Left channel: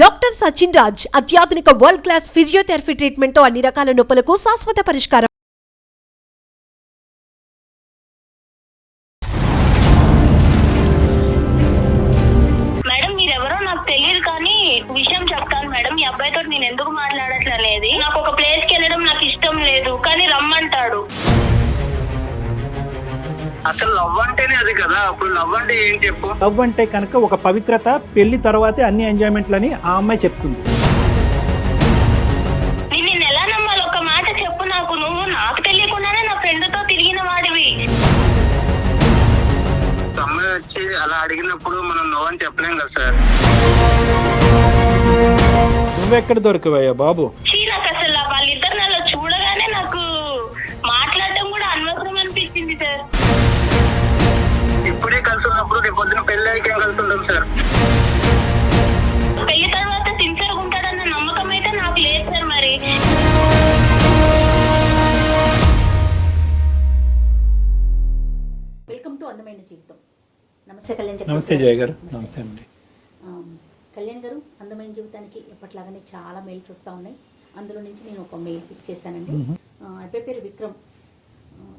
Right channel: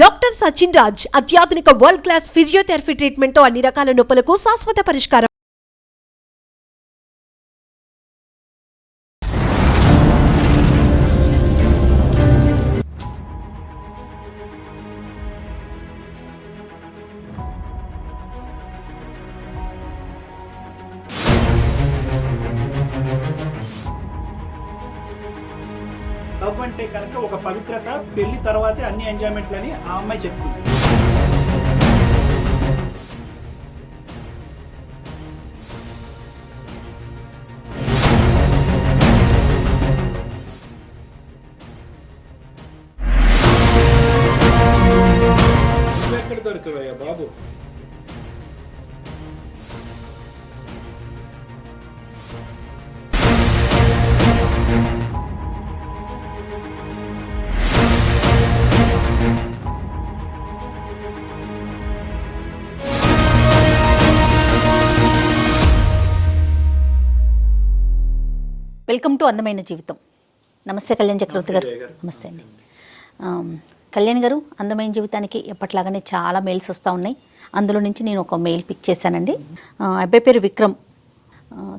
Doctor Sachin Raj అత్యాధునిక world class physiotherapy treatment తో అన్ని రకాల నొప్పులకు శాశ్వత పరిష్కారం. మేడం మీరెవరో నాకు తెలియదు కానీ విషయం చెప్తాను మేడం. ఈ అబ్బాయితో నేను ఎందుకు మాట్లాడట్లేదు, నాకు ఒక ప్లేస్ కి వెళ్ళడం నాకు ఇష్టం లేదు కానీ రమ్మంటాడు. అసలు లవ్ అంటేనే అది కదా. అప్పుడు లవ్ అంటే ఏం చెప్పు? లవ్ అంటే కనుక ఒక పవిత్రత, పెళ్లి తర్వాతే అన్ని ఎంజాయ్మెంట్లని ఆ అమ్మాయి చెప్తుంది. నేను ఎలా నమ్మాలి? ఒక మాట చెప్పు నాకు. నువ్వు నాకు తెలియకుండానే నా ఫ్రెండ్ తో తిరిగిన వాడివి. అమ్మాయి వచ్చి అలా అడిగినప్పుడు మనం నో అని చెప్పలేం కదా సార్. నువ్వెక్కడ దొరకవయ్యా బాబు? నాకు అసలు వాళ్ళిద్దరు నాలో చూడగానే నాకు మాట్లాడటం కూడా అనవసరం అనిపించింది సార్. ఇప్పుడే కలిసి ఉన్నప్పుడు రేపు పొద్దున పెళ్లి అయ్యాక ఏం కలిసి ఉంటాం సార్? పెళ్లి తర్వాత సిన్సియర్ ఉంటాడన్న నమ్మకం అయితే నాకు లేదు సార్. మరి వెల్కమ్ టు అందమైన జీవితం. నమస్తే కళ్యాణ్ నమస్తే చక్రవర్తి జయ గారు. గారు. నమస్తే అండి. కళ్యాణ్ గారు, అందమైన జీవితానికి ఎప్పట్లాగానే చాలా మెయిల్స్ వస్తూ ఉన్నాయి. అందులో నుంచి నేను ఒక మెయిల్ పిక్ చేశానండి. అబ్బాయి పేరు విక్రమ్.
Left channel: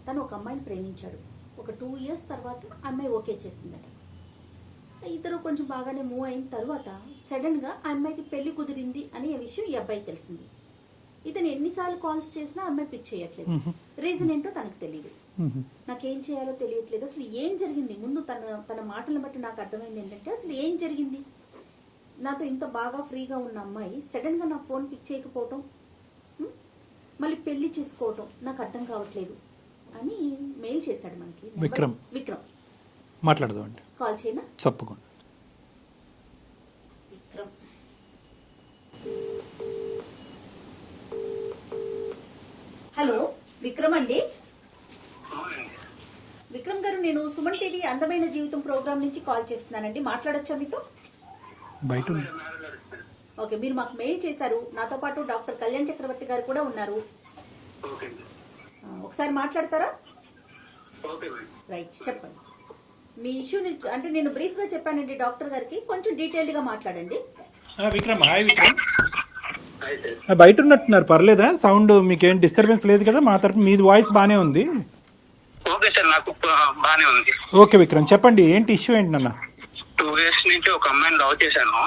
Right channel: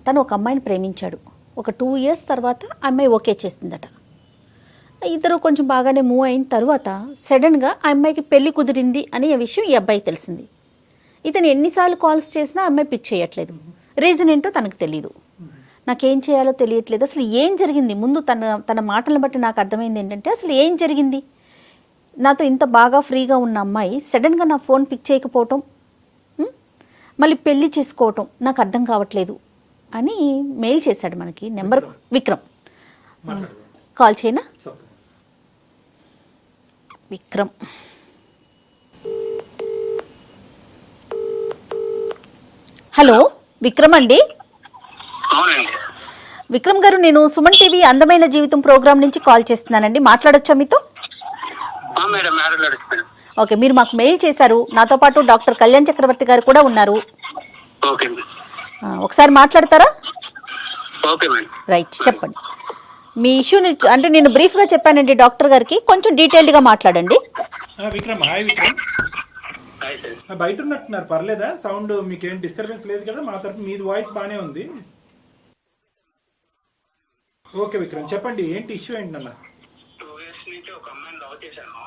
తను ఒక అమ్మాయిని ప్రేమించాడు. ఒక 2 years తర్వాత అమ్మాయి ఓకే చేసిందట. ఇద్దరు కొంచెం బాగానే మూవ్ అయిన తర్వాత సడన్గా ఆ అమ్మాయికి పెళ్లి కుదిరింది అనే విషయం ఈ అబ్బాయికి తెలిసింది. ఇతను ఎన్నిసార్లు కాల్స్ చేసినా అమ్మాయి పిక్ చేయట్లేదు. రీజన్ ఏంటో తనకు తెలియదు. నాకేం చేయాలో తెలియట్లేదు. అసలు ఏం జరిగింది? ముందు తన మాటలను బట్టి నాకు అర్థమైంది ఏంటంటే, అసలు ఏం జరిగింది? నాతో ఇంత బాగా ఫ్రీగా ఉన్న అమ్మాయి సడన్గా నా ఫోన్ పిక్ చేయకపోవటం, మళ్ళీ పెళ్లి చేసుకోవటం నాకు అర్థం కావట్లేదు అని మెయిల్ చేశాడు మనకి. నెంబర్ విక్రమ్. మాట్లాడదామండి. కాల్ చేయనా? తప్పకుండా. విక్రమ్. హలో విక్రమ్ అండి. అవునండి. విక్రమ్ గారు, నేను సుమన్ టీవీ అందమైన జీవితం ప్రోగ్రామ్ నుంచి కాల్ చేస్తున్నానండి. మాట్లాడొచ్చా మీతో? మేడం మాట్లాడుతున్నాను. ఓకే, మీరు మాకు మెయిల్ చేశారు. నాతో పాటు డాక్టర్ కళ్యాణ్ చక్రవర్తి గారు కూడా ఉన్నారు. ఓకే ఒకసారి మాట్లాడతారా? Okay madam. రైట్, చెప్పండి మీ ఇష్యూని. అంటే నేను బ్రీఫ్గా చెప్పానండి డాక్టర్ గారికి, కొంచెం డీటెయిల్డ్గా మాట్లాడండి. Vikram, hi Vikram. Hi sir. బయట ఉన్నట్టున్నారు, పర్లేదా? సౌండ్ మీకేం డిస్టర్బెన్స్ లేదు కదా? మా తరపు మీ వాయిస్ బాగానే ఉంది. ఓకే సార్, నాకు బానే ఉంది. ఓకే విక్రమ్, చెప్పండి ఏంటి ఇష్యూ ఏంటి నాన్న? 2 years నుంచి ఒక అమ్మాయిని లవ్ చేశాను.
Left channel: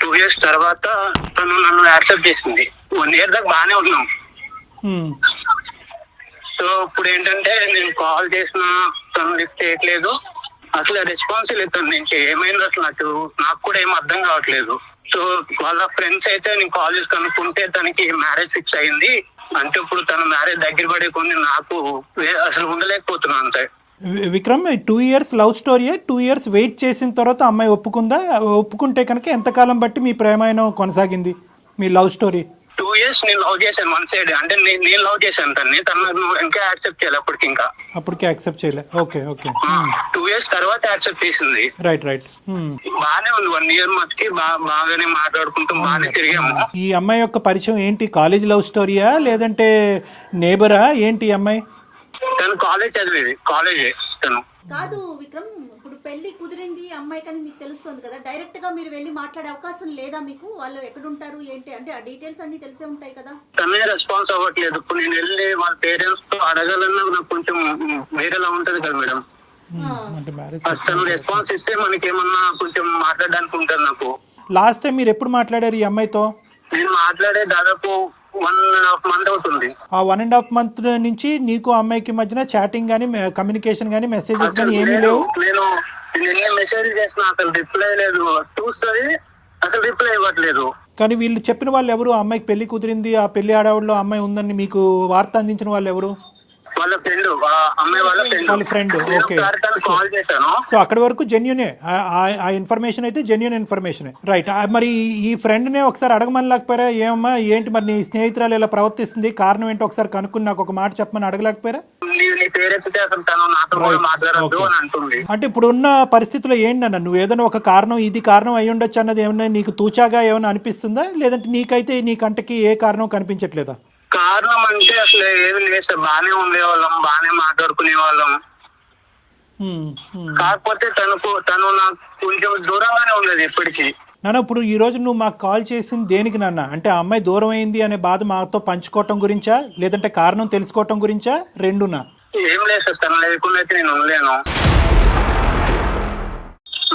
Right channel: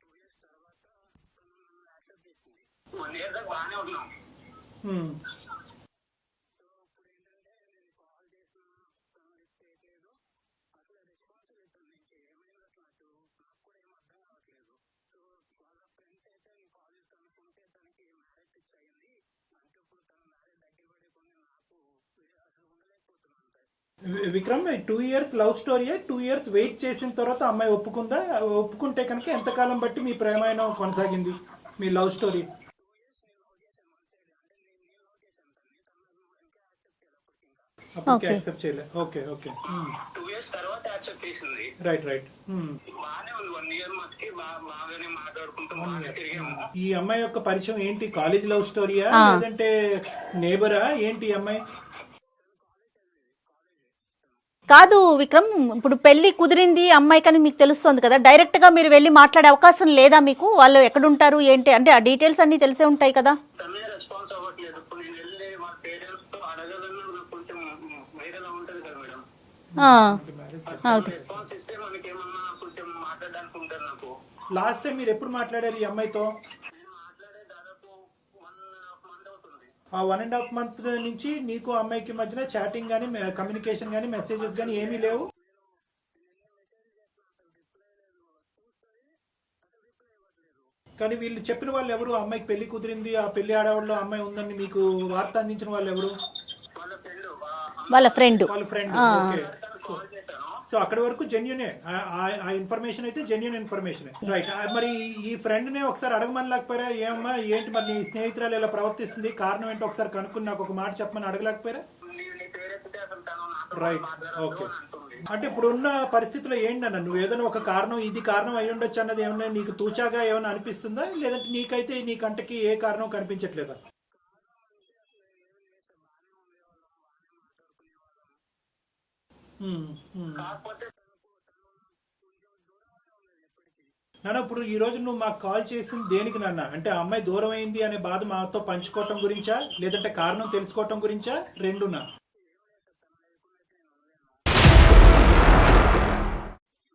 2 years తర్వాత తను నన్ను యాక్సెప్ట్ చేసింది. 1 year దాకా బానే ఉన్నాం. సో ఇప్పుడు ఏంటంటే నేను కాల్ చేసినా తను లిఫ్ట్ చేయట్లేదు. అసలు రెస్పాన్స్ లేదు తన నుంచి. ఏమైంది అసలు నాకు కూడా ఏం అర్థం కావట్లేదు. సో వాళ్ళ ఫ్రెండ్స్ అయితే నేను కాల్ చేసి కనుక్కుంటే తనకి మ్యారేజ్ ఫిక్స్ అయింది. అంటే ఇప్పుడు తన మ్యారేజ్ దగ్గర పడే కొన్ని నాకు అసలు ఉండలేకపోతున్నాను అంతే. విక్రమ్, 2 years లవ్ స్టోరీయే. 2 years వెయిట్ చేసిన తర్వాత అమ్మాయి ఒప్పుకుందా? ఒప్పుకుంటే కనుక ఎంతకాలం బట్టి మీ ప్రేమాయణం కొనసాగింది, మీ లవ్ స్టోరీ? 2 years నేను లవ్ చేశాను వన్ సైడ్. అంటే నేను లవ్ చేశాను తన్ని. తను ఇంకా యాక్సెప్ట్ చేయాలి అప్పటికి. ఇంకా అప్పటికి యాక్సెప్ట్ చేయలే. Okay okay. 2 years తర్వాత యాక్సెప్ట్ చేసింది. Right right. బానే ఉంది. 1 year మటుకి బాగానే మాట్లాడుకుంటాం, బాగానే తిరిగాము. ఈ అమ్మాయి యొక్క పరిచయం ఏంటి? కాలేజ్ లవ్ స్టోరీయా లేదంటే నేబరా ఏంటి? ఈ అమ్మాయి తను కాలేజ్ చదివేది. కాలేజే తను. కాదు విక్రమ్, ఇప్పుడు పెళ్లి కుదిరింది అమ్మాయి కానీ మీకు తెలుస్తుంది కదా, డైరెక్ట్గా మీరు వెళ్ళి మాట్లాడే అవకాశం లేదా మీకు? వాళ్ళు ఎక్కడుంటారు ఏంటి అంటే ఆ డీటెయిల్స్ అన్ని తెలిసే ఉంటాయి కదా. తనే రెస్పాన్స్ అవ్వట్లేదు. ఇప్పుడు నేను వెళ్ళి వాళ్ళ పేరెంట్స్ తో అడగాలన్నా నాకు కొంచెం వేరేలా ఉంటది కదా మేడం. తను రెస్పాన్స్ ఇస్తే మనకేమన్నా కొంచెం మాట్లాడడానికి ఉంటుంది నాకు. లాస్ట్ టైం మీరు ఎప్పుడు మాట్లాడారు ఈ అమ్మాయితో? నేను మాట్లాడే దాదాపు 1.5 month అవుతుంది. ఆ 1.5 month నుంచి నీకు అమ్మాయికి మధ్యన చాటింగ్ గానీ, కమ్యూనికేషన్ గానీ, మెసేజెస్ గానీ ఏమీ లేవు? నేను ఎన్ని మెసేజ్ చేసినా అసలు రిప్లై లేదు. చూస్తుంది అసలు రిప్లై ఇవ్వట్లేదు. కానీ వీళ్ళు చెప్పిన వాళ్ళు ఎవరు? ఆ అమ్మాయికి పెళ్లి కుదిరింది, ఆ పెళ్లి ఆడవాళ్ళు అమ్మాయి ఉందని మీకు వార్త అందించిన వాళ్ళు ఎవరు? వాళ్ళ ఫ్రెండ్. వాళ్ళ ఫ్రెండ్. ఓకే. కాల్ చేశాను. సో అక్కడి వరకు జెన్యునే, ఆ ఇన్ఫర్మేషన్ అయితే జెన్యున్ ఇన్ఫర్మేషన్. రైట్. మరి ఈ ఫ్రెండ్ నే ఒకసారి అడగమని లేకపోయారా? ఏమమ్మా ఏంటి మరి నీ స్నేహితురాలు ఇలా ప్రవర్తిస్తుంది, కారణం ఏంటో ఒకసారి కనుక్కుని నాకు ఒక మాట చెప్పమని అడగలేకపోయారా? నీ పేరెత్తితే అసలు తను నాతో కూడా మాట్లాడద్దు అని అంటుంది. అంటే ఇప్పుడు ఉన్న పరిస్థితుల్లో ఏంటన్నా, నువ్వు ఏదైనా ఒక కారణం, ఇది కారణం అయి ఉండొచ్చు అన్నది ఏమన్నా నీకు తూచాగా ఏమైనా అనిపిస్తుందా? లేదంటే నీకైతే నీ కంటకి ఏ కారణం కనిపించట్లేదా? కారణం అంటే అసలు ఏమి లేదు సార్. బానే ఉండేవాళ్ళం, బానే మాట్లాడుకునే వాళ్ళం. కాకపోతే తను నాకు కొంచెం దూరంగానే ఉండేది ఎప్పటికీ. నాన్న ఇప్పుడు ఈ రోజు నువ్వు మాకు కాల్ చేసింది దేనికి నాన్న? అంటే ఆ అమ్మాయి దూరం అయింది అనే బాధ మాతో పంచుకోవటం గురించా, లేదంటే కారణం తెలుసుకోవటం గురించా, రెండునా? ఏం లేదు సార్, తను లేకుండా అయితే నేను ఉండలేను.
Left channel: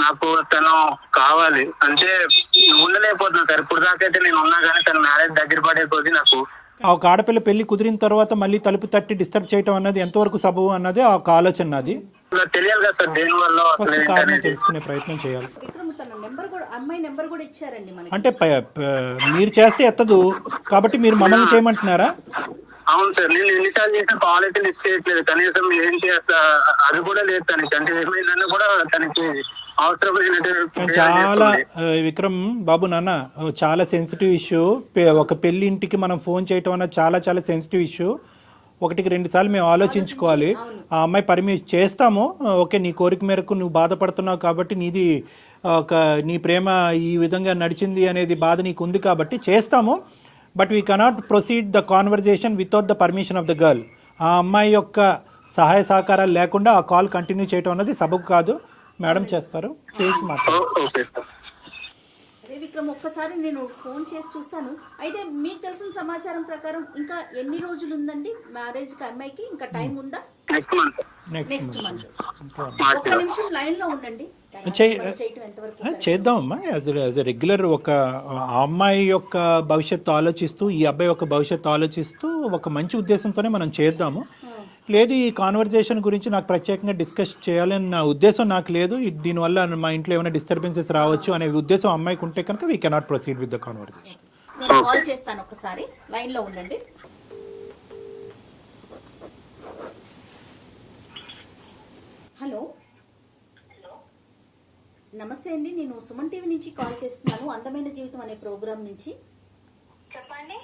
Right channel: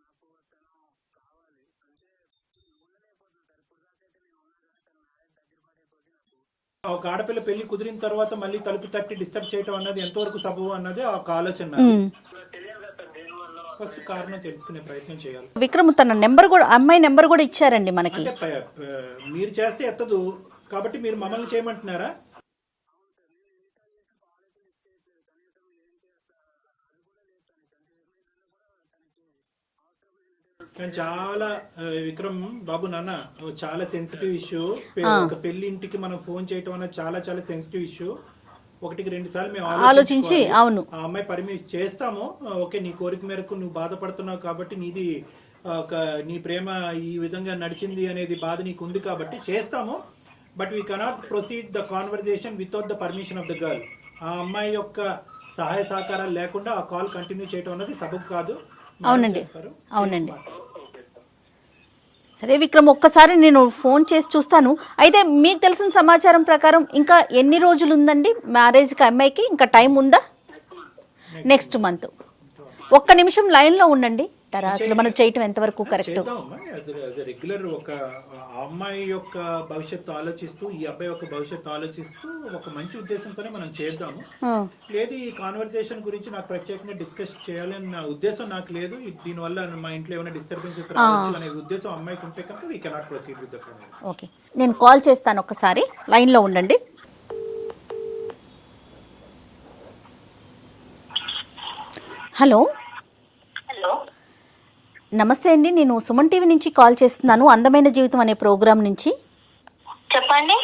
నాకు తను కావాలి అంటే ఉండలేకపోతున్నా సార్. ఇప్పుడు దాకా అయితే నేను ఉన్నా కానీ తన మ్యారేజ్ దగ్గర పడే కొద్దీ నాకు ఒక ఆడపిల్ల పెళ్లి కుదిరిన తర్వాత మళ్ళీ తలుపు తట్టి డిస్టర్బ్ చేయటం అన్నది ఎంతవరకు సబబు అన్నది ఒక ఆలోచన నాది. నాకు తెలియాలి కదా సార్ దేని వల్ల అసలు ఫస్ట్ ఏంటి కారణం అనేది. తెలుసుకునే ప్రయత్నం చేయాలి. విక్రమ్ తన నెంబర్ కూడా, అమ్మాయి నెంబర్ కూడా ఇచ్చారండి మనకి. అంటే మీరు చేస్తే ఎత్తదు కాబట్టి మీరు మమ్మల్ని చేయమంటున్నారా? అవును సార్, నేను ఎన్నిసార్లు చేసిన కాల్ అయితే లిఫ్ట్ చేయట్లేదు. కనీసం ఏం చేస్తా అది కూడా లేదు తనకి. అంటే ఏమైందన్నా కూడా తనకి అవసరం చాలా విక్రమ్ బాబు నాన్న చాలా సెన్సిటివ్ ఇష్యూ. ఒక పెళ్లి ఇంటికి మనం ఫోన్ చేయటం అన్నది చాలా చాలా సెన్సిటివ్ ఇష్యూ. ఒకటికి 2 సార్లు మేము ఆలోచించుకోవాలి. ఆ అమ్మాయి పర్మిషన్ చేస్తాము, ఓకే నీ కోరిక మేరకు నువ్వు బాధపడుతున్నావు కాబట్టి నీది నీ ప్రేమ ఈ విధంగా నడిచింది అనేది బాధ నీకు ఉంది కాబట్టి చేస్తాము. But we cannot proceed the conversation without the permission of the girl. ఆ అమ్మాయి యొక్క సహాయ సహకారాలు లేకుండా ఆ కాల్ కంటిన్యూ చేయటం అన్నది సబబు కాదు. మేడం చేస్తారు. సరే విక్రమ్, ఒక్కసారి నేను ఫోన్ చేసి చూస్తాను. అయితే మీకు తెలిసిన సమాచారం ప్రకారం ఇంకా ఎన్ని రోజులు ఉందండి మ్యారేజ్కి అమ్మాయికి? ఇంకా టైం ఉందా? Next month. ఒక్క నిమిషం లైన్ లో ఉండండి. మనం చేయటం ఎంతవరకు చేద్దామమ్మా. యాజ్ రెగ్యులర్ ఒక అమ్మాయి యొక్క భవిష్యత్తు ఆలోచిస్తూ ఈ అబ్బాయి యొక్క భవిష్యత్తు ఆలోచిస్తూ ఒక మంచి ఉద్దేశంతోనే మనం చేద్దాము. లేదు ఈ కాన్వర్జేషన్ గురించి నాకు ప్రత్యేకంగా డిస్కస్ చేయాలని నా ఉద్దేశం నాకు లేదు. దీనివల్ల మా ఇంట్లో ఏమైనా డిస్టర్బెన్సెస్ రావచ్చు అనే ఉద్దేశం అమ్మాయికి ఉంటే కనుక we cannot proceed with the conversation. Okay, నేను కాల్ చేస్తాను. ఒకసారి లైన్ లో ఉండండి. హలో. హలో, నమస్తే అండి, నేను సుమన్ టీవీ నుంచి కాల్ చేస్తున్నాను, అందమైన జీవితం అనే ప్రోగ్రాం నుంచి. చెప్పండి.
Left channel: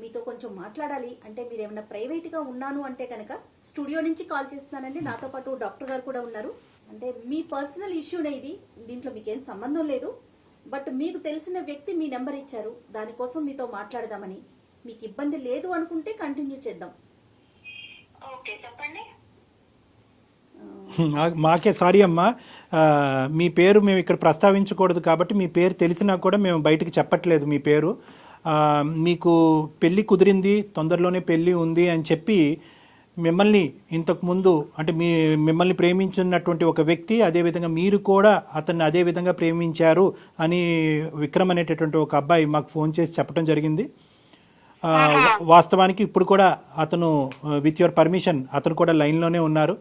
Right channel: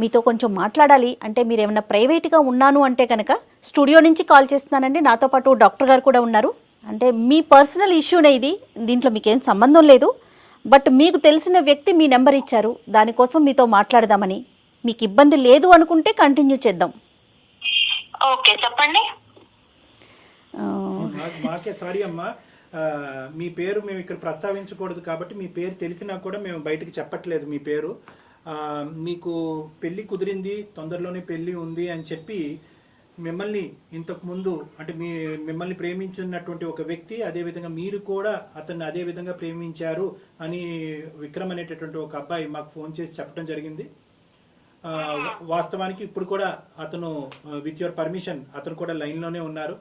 మీతో కొంచెం మాట్లాడాలి. అంటే మీరు ఏమైనా ప్రైవేట్గా ఉన్నాను అంటే కనుక స్టూడియో నుంచి కాల్ చేస్తున్నానండి. నాతో పాటు డాక్టర్ గారు కూడా ఉన్నారు. అంటే మీ పర్సనల్ ఇష్యూనే ఇది, దీంట్లో మీకేం సంబంధం లేదు. బట్ మీకు తెలిసిన వ్యక్తి మీ నెంబర్ ఇచ్చారు, దానికోసం మీతో మాట్లాడదామని. మీకు ఇబ్బంది లేదు అనుకుంటే కంటిన్యూ చేద్దాం. ఓకే, చెప్పండి. మాకే సారీ అమ్మా, మీ పేరు మేము ఇక్కడ ప్రస్తావించకూడదు కాబట్టి మీ పేరు తెలిసినా కూడా మేము బయటకు చెప్పట్లేదు మీ పేరు. మీకు పెళ్ళి కుదిరింది, తొందరలోనే పెళ్ళి ఉంది అని చెప్పి మిమ్మల్ని ఇంతకుముందు అంటే మిమ్మల్ని ప్రేమించున్నటువంటి ఒక వ్యక్తి, అదేవిధంగా మీరు కూడా అతన్ని అదే విధంగా ప్రేమించారు అని విక్రమ్ అనేటటువంటి ఒక అబ్బాయి మాకు ఫోన్ చేసి చెప్పడం జరిగింది. వాస్తవానికి ఇప్పుడు కూడా అతను విత్ యువర్ పర్మిషన్ అతను కూడా లైన్లోనే ఉన్నారు.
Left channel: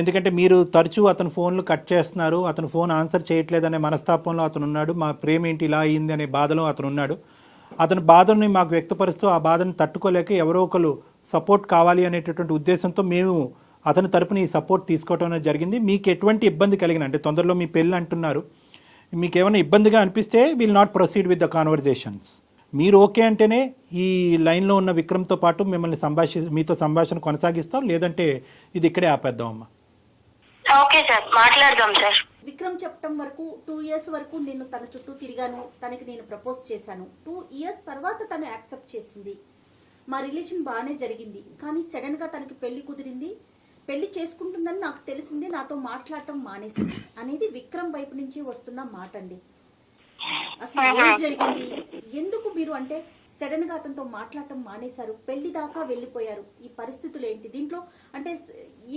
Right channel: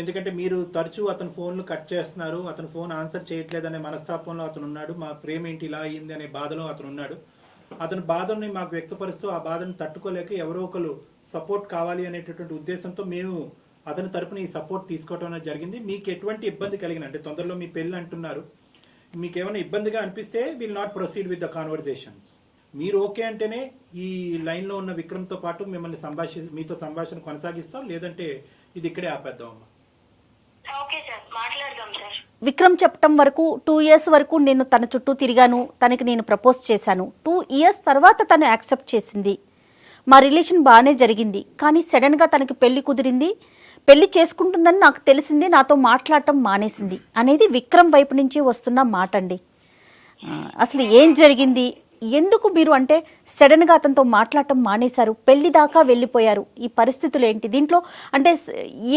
ఎందుకంటే మీరు తరచూ అతను ఫోన్లు కట్ చేస్తున్నారు, అతను ఫోన్ ఆన్సర్ చేయట్లేదనే మనస్తాపంలో అతను ఉన్నాడు. మా ప్రేమ ఏంటి ఇలా అయ్యింది అనే బాధలో అతను ఉన్నాడు. అతని బాధని మాకు వ్యక్తపరుస్తూ ఆ బాధను తట్టుకోలేక ఎవరో ఒకరు సపోర్ట్ కావాలి అనేటటువంటి ఉద్దేశంతో మేము అతని తరపున ఈ సపోర్ట్ తీసుకోవడం అనేది జరిగింది. మీకు ఎటువంటి ఇబ్బంది కలిగిన అంటే తొందరలో మీ పెళ్ళి అంటున్నారు, మీకు ఏమైనా ఇబ్బందిగా అనిపిస్తే will not proceed with the conversations. మీరు ఓకే అంటేనే ఈ లైన్లో ఉన్న విక్రమ్తో పాటు మిమ్మల్ని మీతో సంభాషణ కొనసాగిస్తాం, లేదంటే ఇది ఇక్కడే ఆపేద్దాం అమ్మా. ఓకే సార్, మాట్లాడదాం సార్. విక్రమ్ చెప్పటం వరకు 2 years వరకు నేను తన చుట్టూ తిరిగాను, తనకి నేను ప్రపోజ్ చేశాను. 2 years తర్వాత తను యాక్సెప్ట్ చేసింది. మా రిలేషన్ బాగానే జరిగింది. కానీ సడన్గా తనకి పెళ్లి కుదిరింది, పెళ్లి చేసుకుంటుందని నాకు తెలిసింది, నాతో మాట్లాడటం మానేసింది అనేది విక్రమ్ వైపు నుంచి వస్తున్న మాట అండి. అసలు ఏం జరిగింది, ఎందుకు మీరు అంటే సడన్గా అతనితో మాట్లాడటం మానేశారు, పెళ్లి దాకా వెళ్ళిపోయారు, ఈ పరిస్థితులు ఏంటి? దీంట్లో అంటే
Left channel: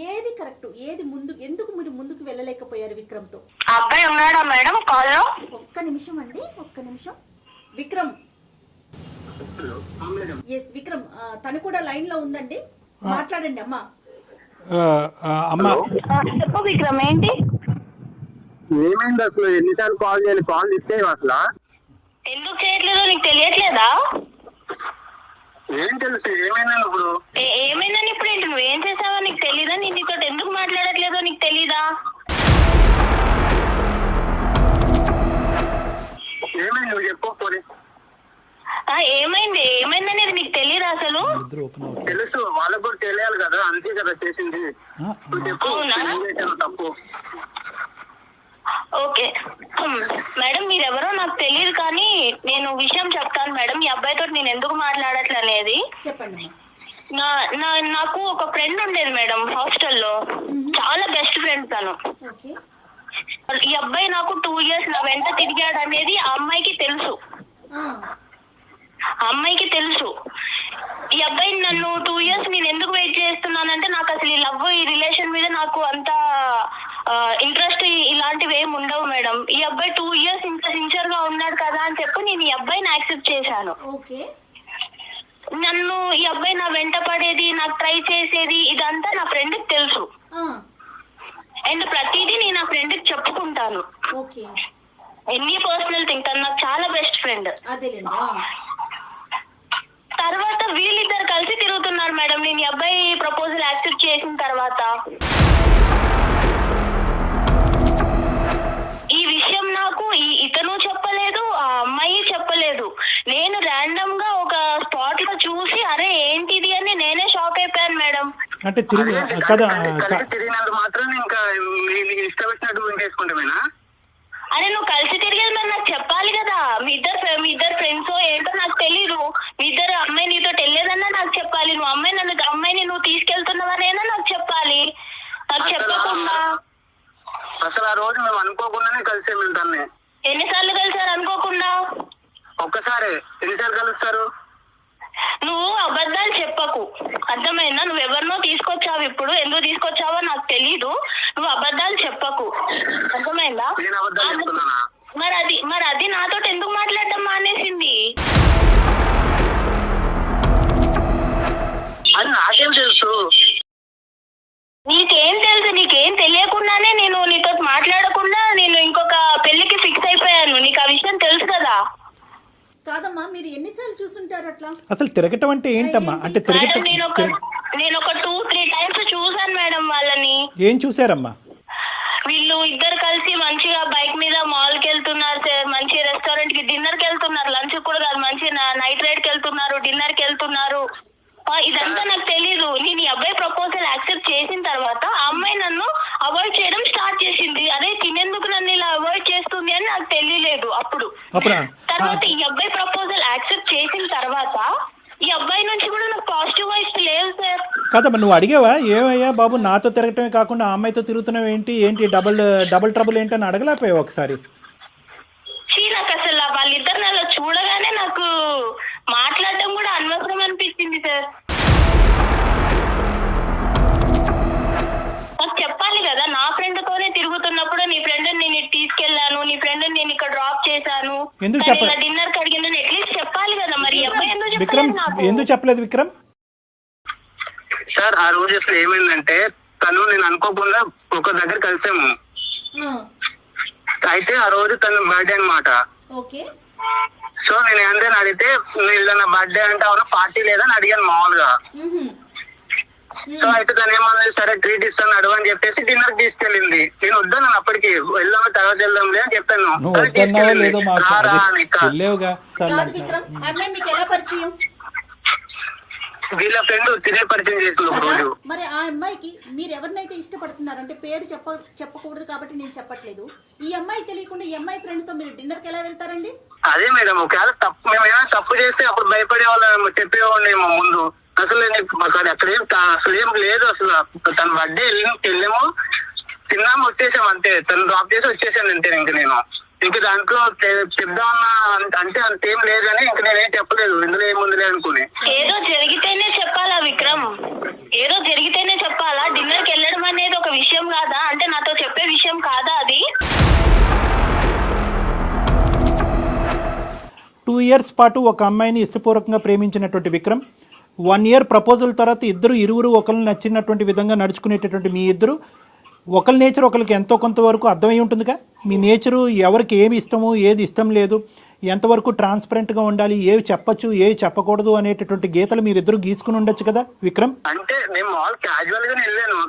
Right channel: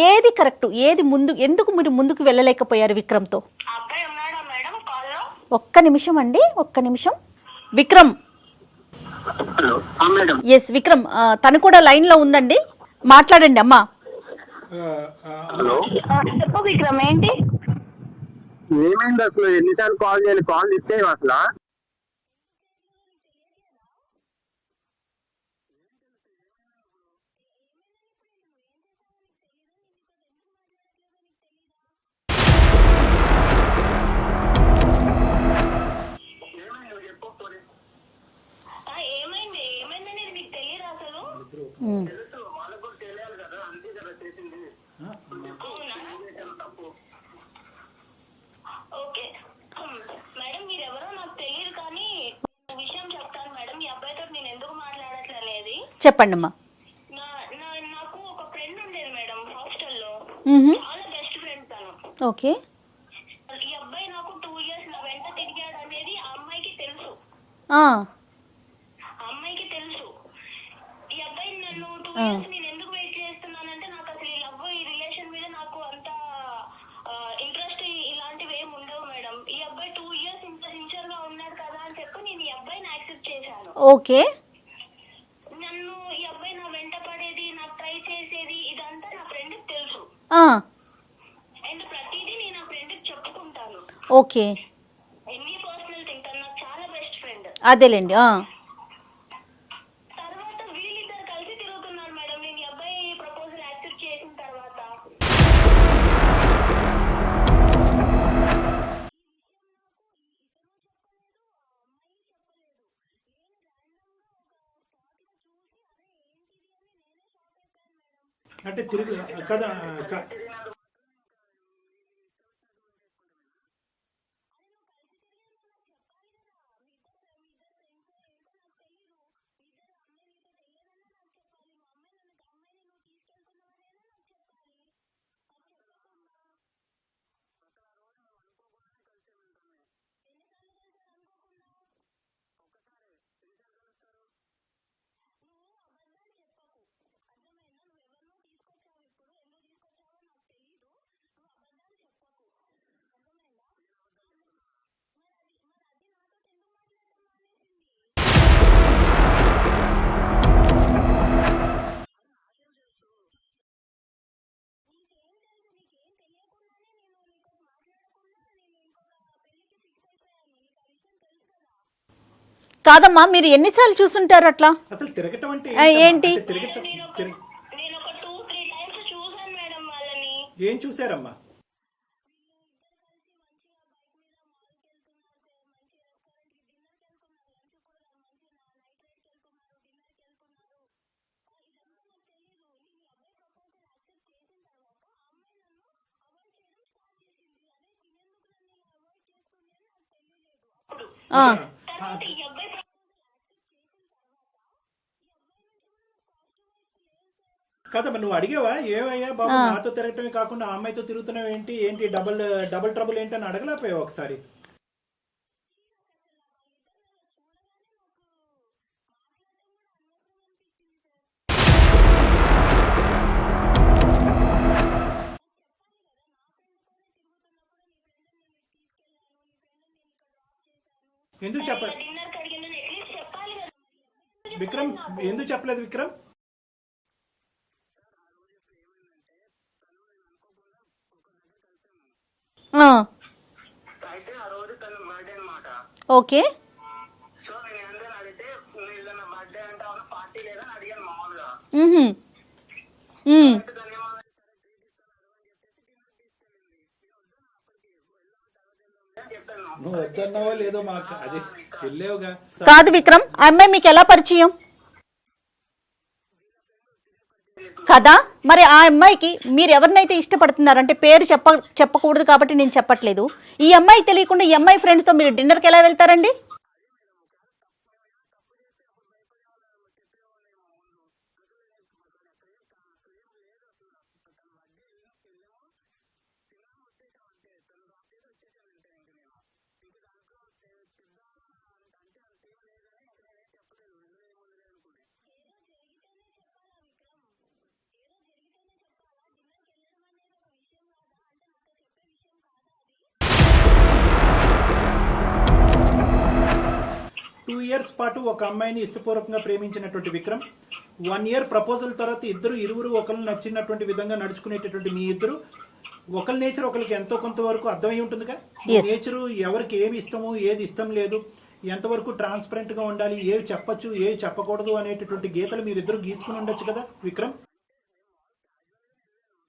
ఏది కరెక్ట్, ఏది ముందు, ఎందుకు మీరు ముందుకు వెళ్ళలేకపోయారు విక్రమ్తో? అబ్బాయి ఉన్నాడా మేడం కాల్లో? ఒక్క నిమిషం అండి, ఒక్క నిమిషం. విక్రమ్. ఎస్ విక్రమ్, తను కూడా లైన్ లో ఉందండి, మాట్లాడండి అమ్మా. చెప్పు విక్రమ్, ఏంటి? ఏమైంది అసలు? ఎన్నిసార్లు కాల్ చేయాలి? కాల్ ఇస్తే అసలు ఎందుకు చేయట్లేదో నీకు తెలియట్లేదా? ఏం తెలుసు ఏమైందని ఇప్పుడు? ఏమైందని ఇప్పుడు ఏంటి? నువ్వేం చేసావో నీకు తెలీదా? నేను నీతో ఎందుకు మాట్లాడట్లేదో నీకు తెలీదా? ఏమైంది నువ్వు చెప్పకపోతే? ఏమైంది, ఏమైందనేది నీకు తెలియదు అసలు? తెలుసు, వాళ్ళకు కూడా తెలియాలి కదా, అంతే కదా చేసింది. తప్పు. ఓకే మేడం, మీరెవరో నాకు తెలియదు కానీ నేను విషయం చెప్తాను మేడం. ఈ అబ్బాయితో నేను ఎందుకు మాట్లాడట్లనేది చెప్పండి అమ్మా. నాకు ఒక ఫ్రెండ్ ఉండేది మేడం హాస్టల్లో, చాలా బెస్ట్ ఫ్రెండ్ తను. ఓకే. ఈ అబ్బాయి నాకు 2 years నా వెంట తిరిగాడు అనేది ఆ అమ్మాయికి తెలుసు. ఆ, ఆ అమ్మాయికి తెలుసు. ఈ అబ్బాయి నన్ను 2 years నేను ఎందుకు వెయిట్ చేస్తున్నానంటే నాకు అసలు ఈ లవ్ ఈ రిలేషన్ మీద నాకు అంత ఇంట్రెస్ట్ ఇలాంటివి ఏమి ఉండవు మేడం. ఈ అబ్బాయి 2 years ఇంత సిన్సియర్ గా ఉన్నాడు కదా అని చెప్పి నేను ఈ అబ్బాయిని యాక్సెప్ట్ చేశాను. ఓకే. నన్ను ఈ అబ్బాయి నా వెంట పడేది, నాకు ట్రై చేసేది ఇదంతా నా ఫ్రెండ్ కి తెలుసు. ఆ, అండ్ ప్రతిదీ నేను నా ఫ్రెండ్ కి చెప్పుకుంటాను. ఓకే. ఎన్ని పర్సనల్ థింగ్, తను నాకు చాలా బెస్ట్ ఫ్రెండ్. అదేలేండి. ఆ, తర్వాత వీళ్ళిద్దరు కలిసి తిరుగుతున్నారు మేడం నేను ఈ అబ్బాయి ప్రపోజల్ యాక్సెప్ట్ చేసిన తర్వాత. ఈ విషయం నాకు ఇతను చెప్పలేదు, ఆ అమ్మాయి చెప్పలేదు. నేను ర్యాండమ్ గా ఒక స్పాట్ లో చూసి అరే ఏంటిది అని నేనే షాక్ అయిపోయాను మేడం. అంటే తిరిగి కదా తిరిగినంత మాత్రం ఇంకా నీకు ఇష్టం వచ్చినట్టు చేసుకుంటామేనా? అరే నువ్వు కలిసి తిరిగేది మరి నాకు చెప్పాలి కదా. మీ ఇద్దరు ఫ్రెండ్స్ ఏంటో నాకు తెలీదు. మీ ఇద్దరు అమ్మాయి నీతో వెళ్ళేదన్నా నాకు చెప్పాలి. నువ్వు అమ్మాయిని నువ్వు తీసుకెళ్తున్నావనేనా నాకు చెప్పాలి. నాకు చెప్పకుండా అసలు ఆ రోజు మేము అనుకోకుండానే కలిసే మేము తన్ని. ఎన్నిసార్లు కలిసారు అనుకోకుండా? ఒక్కసారి. ఎన్నిసార్లు కలుస్తారు? నువ్వు అబద్ధాలు చెప్పకు, అర్థమైందా? నువ్వు ఎవరినో తీసుకొచ్చావు, ఇప్పుడు ఎందుకు తీసుకొచ్చావో నాకు తెలీదు. నువ్వు అబద్ధాలు చెప్పకు, అర్థమైందా? నేను అబద్ధాలు చెప్తున్నానా? మరి అది నాతో ఎందుకు మాట్లాడడం మానేసింది? అది నాకేం తెలుసు? నీకేం తెలుసు? నీకేం తెలియకుండానే నేను నీతో మాట్లాడకుండా నేను ఇంకొక పెళ్లికి ఫిక్స్ అయిపోయాను. నీకు ఆ విషయం తెలుసు కదా? కాదమ్మా, మీరు ఎన్నిసార్లు చూసుంటారు అట్లా? అసలు తిరగటం అంటే ఏంటి? అంటే తిరగటం నేను ఒక 2-3 times చూసాను మేడం వాళ్ళని. ఏం చూసారమ్మా? వీళ్ళు ఇద్దరు కలిసి మంచిగా బైక్ మీద మాల్ కి వెళ్తున్నారు సార్, మంచి రెస్టారెంట్ కి డిన్నర్ కి వెళ్తున్నారు, లంచ్ కూడా కాదు, మంచి నైట్ రైడ్ కి వెళ్తున్నారు, డిన్నర్ కి వెళ్తున్నారు. ఇదంతా నాకు తెలీదు. నేను ఈ అబ్బాయి ప్రపోజల్ యాక్సెప్ట్ చేసిన తర్వాత ఆ అమ్మాయి నన్ను అవాయిడ్ చేయడం స్టార్ట్ చేసింది. అదే తినేందుకు నన్ను ఇలా అవాయిడ్ చేస్తుంది అని నాకు తెలియలేదు అప్పుడు. తర్వాత ఈ అబ్బాయి ప్రపోజల్ యాక్సెప్ట్ చేసిన తర్వాత ఈ అబ్బాయి నుంచి కూడా నాకు పాజిటివ్ వైబ్స్ లేవు సార్. కాదమ్మా, నువ్వు అడిగావా ఏమయ్యా బాబు నాతో తిరగటమే కాకుండా ఆ అమ్మాయితో తిరుగుతున్నావు ఏంటి డబుల్ ట్రబుల్ ఏంటని అడగలేకపోయావు ఒకసారి? నాకు అసలు వాళ్ళిద్దరిని అలా చూడగానే నాకు మాట్లాడటం కూడా అనవసరం అనిపించింది సార్. నాకు చెప్పాలి కదా, నా ఫ్రెండ్ తోనే తిరుగుతున్నప్పుడు నీ ఫ్రెండ్ నేను తీసుకెళ్లాను, నీ ఫ్రెండ్ నేను ఇక్కడ డ్రాప్ చేశాను, డిన్నర్ కి అడిగిన అట్లీస్ట్ చెప్పాలి కదా. మరి ఈ అబ్బాయి ఎందుకు చెప్పలేదు విక్రమ్? సార్ ఆ రోజు అసలు ఏమైందంటే తను నేను అనుకోకుండా ఒక దగ్గర కలిసాము. అయితే ఆ రోజు తన బర్త్డే అన్నమాట. ఓకే. సో నేను ఏంటని అడిగితే ఏదైనా బర్త్డే అంటే అవును పార్టీ లేదని అడిగాను మామూలుగా. సో అయితే తను ఏమన్నా సరే ట్రీట్ ఇస్తాను అడుగు అని చెప్పేసి డిన్నర్ తీసుకెళ్ళింది. నేను వద్దాను అప్పటికి, వెళ్దాం తర్వాత వెళ్దాంలే అని చెప్పాను. కాదు విక్రమ్, ఆ అమ్మాయి మీకు ఎలా పరిచయం? వీళ్ళ ఫ్రెండ్ తినే పరిచయం చేస్తుంది కదా. మరి ఆ అమ్మాయికి మీరు ఎవరినైతే ఇష్టపడుతున్నారంటే పేరు చెప్పకూడదు కాబట్టి నేను చెప్పట్లేదు. ఈ అమ్మాయి తెలియకుండా ఈ అమ్మాయి ఫ్రెండ్ తో మీరు డిన్నర్ కి ఎలా వెళ్తారండి? అదే మేడం, ఒకవేళ మేము ఏమైనా తప్పు చేస్తే అప్పుడు భయపడే వాళ్ళు చెప్పేవాళ్ళేమో ముందు. అసలు అక్కడ అసలు ఏం లేదు. అసలు తన బర్త్డే వెళ్ళాము, తిన్నాము, వచ్చేసాం అంతే. తను డ్రాప్ చేసి వచ్చేసాను అంతే. ఇంక దాంట్లో చెప్దామన్నా అంటే అంతేం లేదని ఇంక నేనేం చెప్పలేదు, ఇందులో ఏముందిలే అనుకుని. ఏదో జరిగితేనే చెప్పాలా విక్రమ్? ఏదో జరిగితేనే చెప్పాలా? డిన్నర్ కి వెళ్ళడం అనేది ఒక విషయం కాదా? అంటే నాతో చెప్పే విషయం కాదా అది? 2 years పాటు ఒక అమ్మాయిని ఇష్టపూర్వకంగా ప్రేమించినటువంటి విక్రమ్ 1 year ప్రపోజల్ తర్వాత ఇరువురు ఒకరిని నచ్చినటువంటి విధంగా నడుచుకునేటటువంటి మీ ఇద్దరు ఒకరి నేచర్ ఒకరికి ఎంతో కొంతవరకు అర్థమై ఉంటుందిగా. ఈ నేచరు ఎవరికి ఏమి ఇష్టము ఏది ఇష్టం లేదు, ఎంతవరకు ట్రాన్స్పరెంట్గా ఉండాలి, ఏవి చెప్పచ్చు ఏవి చెప్పకూడదు అనేటటువంటి గీతలు మీరిద్దరు గీసుకుని ఉండొచ్చు కదా విక్రమ్. అంటే నేను మాల్ క్యాజువల్ గానే వెళ్ళాను,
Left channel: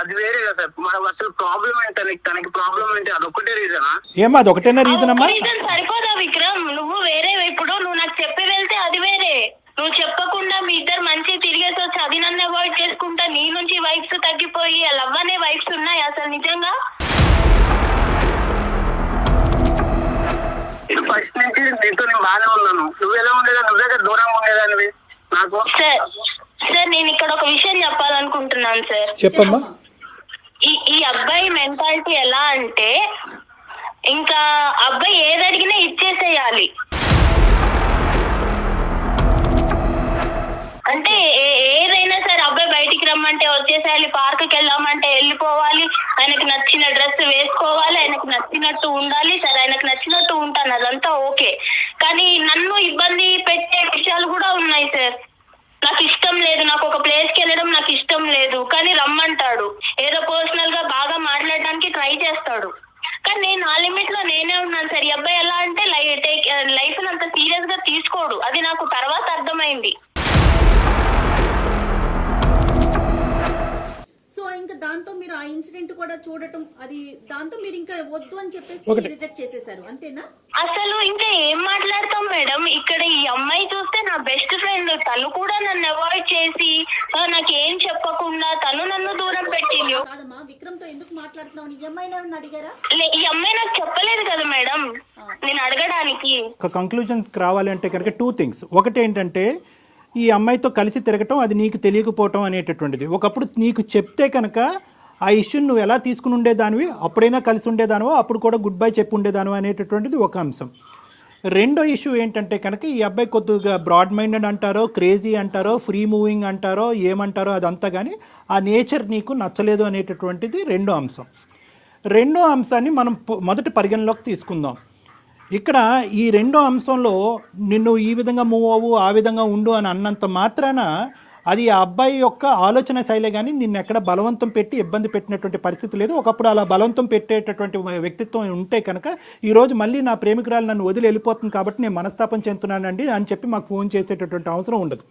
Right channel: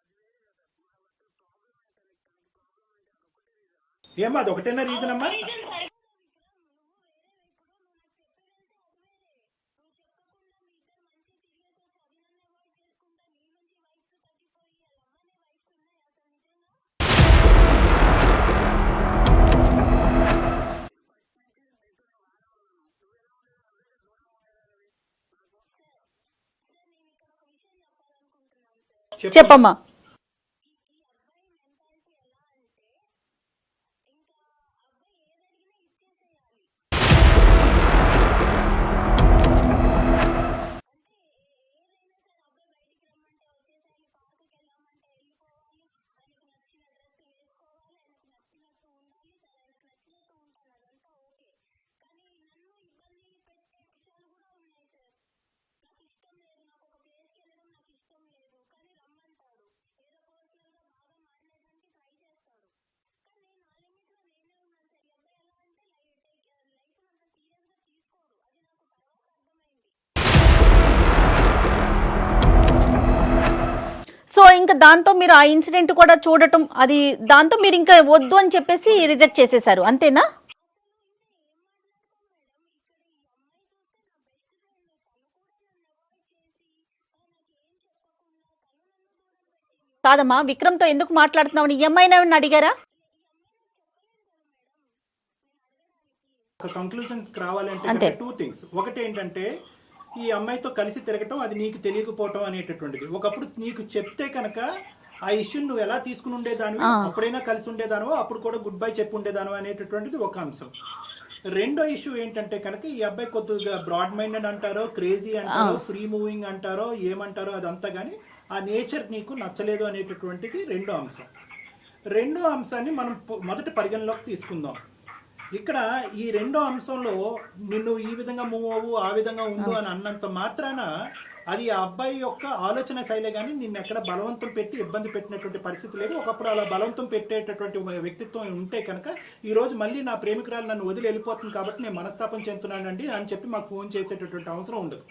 అది వేరే కదా సార్. అసలు ప్రాబ్లం ఏంటి తనకి ప్రాబ్లం ఏంటి? అదొక్కటే రీజనా? ఏమా అదొకటేనా రీజన్ అమ్మా? సరిపోదా విక్రమ్? నువ్వు వేరే, ఇప్పుడు నువ్వు నాకు చెప్పి వెళ్తే అది వేరే, నువ్వు చెప్పకుండా మీ ఇద్దరు మంచి తిరిగేసి వచ్చి అది నన్ను అవాయిడ్ చేసుకుంటా నీ నుంచి వైబ్స్ తగ్గిపోయి లవ్ అనే వైబ్స్ ఉన్నాయి అసలు నిజంగా? ఫస్ట్ నుంచి నీతో నేను బాగానే ఉన్నాను. నువ్వు ఎలా ఉండేదా? నువ్వు దగ్గర దూరంగా ఉండేదానివి నాకు. సార్ నేను ఇక్కడ ఒక విషయం చెప్పాలనుకుంటున్నాను సార్. చెప్పమ్మా. ఈ అబ్బాయి మెంటాలిటీ ఎలా అంటే ఇంకా అబ్బాయి ఏది అడిగినా ఇచ్చేసేయాలి. అంటే ఏదైనా సరే అబ్బాయి బయటికి రమ్మంటే వచ్చేసేయాలి, పార్క్కి వెళ్దామంటే వెళ్ళిపోవాలి, ఆయనకు నచ్చిన డ్రెస్ వేసుకోవాలి, ఆయనకు నచ్చినట్టు ఉండాలి. సరే ఆయనకు నచ్చినట్టు ఉంటాను, అదంతా ఓకే. కానీ నన్ను ఇబ్బంది పెట్టే విషయాలు కూడా ఉన్నాయి సార్. నాకు ఇష్టం లేదు, నాకు ఒక ప్లేస్కి వెళ్ళడం నాకు ఇష్టం లేదు, కానీ రమ్మంటాడు. ఏదో పర్సనల్ గా బాగా మాట్లాడడానికి ట్రై చేస్తాడు. కానీ నేను ఆ లిమిట్ లో నేనే ఉన్నాను సార్. ఈ అబ్బాయి ఎలా అంటే లైఫ్ అంత సీరియస్ గా తీసుకోడు. అది నాకు తర్వాత అర్థమైంది. సో ఇంకా దాంతో మీరు ఆ ఇన్సిడెంట్ కూడా చూడటం, అది దాంతో మీరు ఇంకా వద్దు అని చెప్పేసి రిజెక్ట్ చేసేసారు, అంతేనా? అసలు ఇంకా ఏం మాట్లాడతాం మేడం. ఇక్కడ ఈ అమ్మాయి చూస్తే నా బెస్ట్ ఫ్రెండ్, తను కూడా నన్ను అవాయిడ్ చేసి నాకేం చెప్పకుండా తను నన్ను దూరం పెట్టింది. కాదమ్మా, విక్రమ్ తో ఎందుకు మాట్లాడుతున్నావు? ఈ అమ్మాయిని ఏమన్నా అడిగారా? ఈ అమ్మాయి నాకు చెప్పలేదు కదా మేడం నేను అడగడానికి. ఒక కంక్లూజన్స్ రావాలి అంటే కనుక 2 things. ఒకటి ఏంటంటే ఈ అమ్మాయితో కలిసి తిరగటం అది నీకు తెలియకపోవటం అనేటటువంటిది. ఒకప్పుడు నీకు చెప్తే కనుక ఆ ఇష్యూని నువ్వు ఎలా తీసుకుని ఉండేదానివి, అప్పుడైనా కలిసి ఉండేదానివో, అప్పుడు కూడా గుడ్ బై చెప్పి ఉండేదానివో అనేటటువంటిది ఒక అంశం. రెండో ఇష్యూ ఏంటంటే కనుక ఈ అబ్బాయి కొద్దిగా బ్రాడ్ మైండెడ్ అంటారో, క్రేజీ అంటారో, ఫ్రీ మూవింగ్ అంటారో, ఏమంటారో అదంతా, కానీ ఆ నేచర్ నీకు నచ్చలేదు అనేటటువంటిది రెండో అంశం. రెండో అంశాన్ని మనం మొదటి పరిగణలోకి తీసుకుందాం. ఇక్కడ ఈ రెండో అంశంలో నిన్ను ఈ విధంగా మూవ్ అవ్వు, ఆ విధంగా ఉండు అని అన్నంత మాత్రాన అది ఆ అబ్బాయి యొక్క ఆలోచన శైలే, కానీ నిన్ను ఎక్కడ బలవంతం పెట్టి ఇబ్బంది పెట్టినటువంటి పరిస్థితి లేదు. ఒకప్పుడు అలా బలవంతం పెట్టేటటువంటి వ్యక్తిత్వం ఉంటే కనుక ఈరోజు మళ్ళీ నా ప్రేమికురాలు నన్ను వదిలి వెళ్ళిపోతుంది కాబట్టి నేను మనస్తాపం చెందుతున్నానండి అని చెప్పి మాకు ఫోన్ చేసేటటువంటి అవసరం ఉండదు.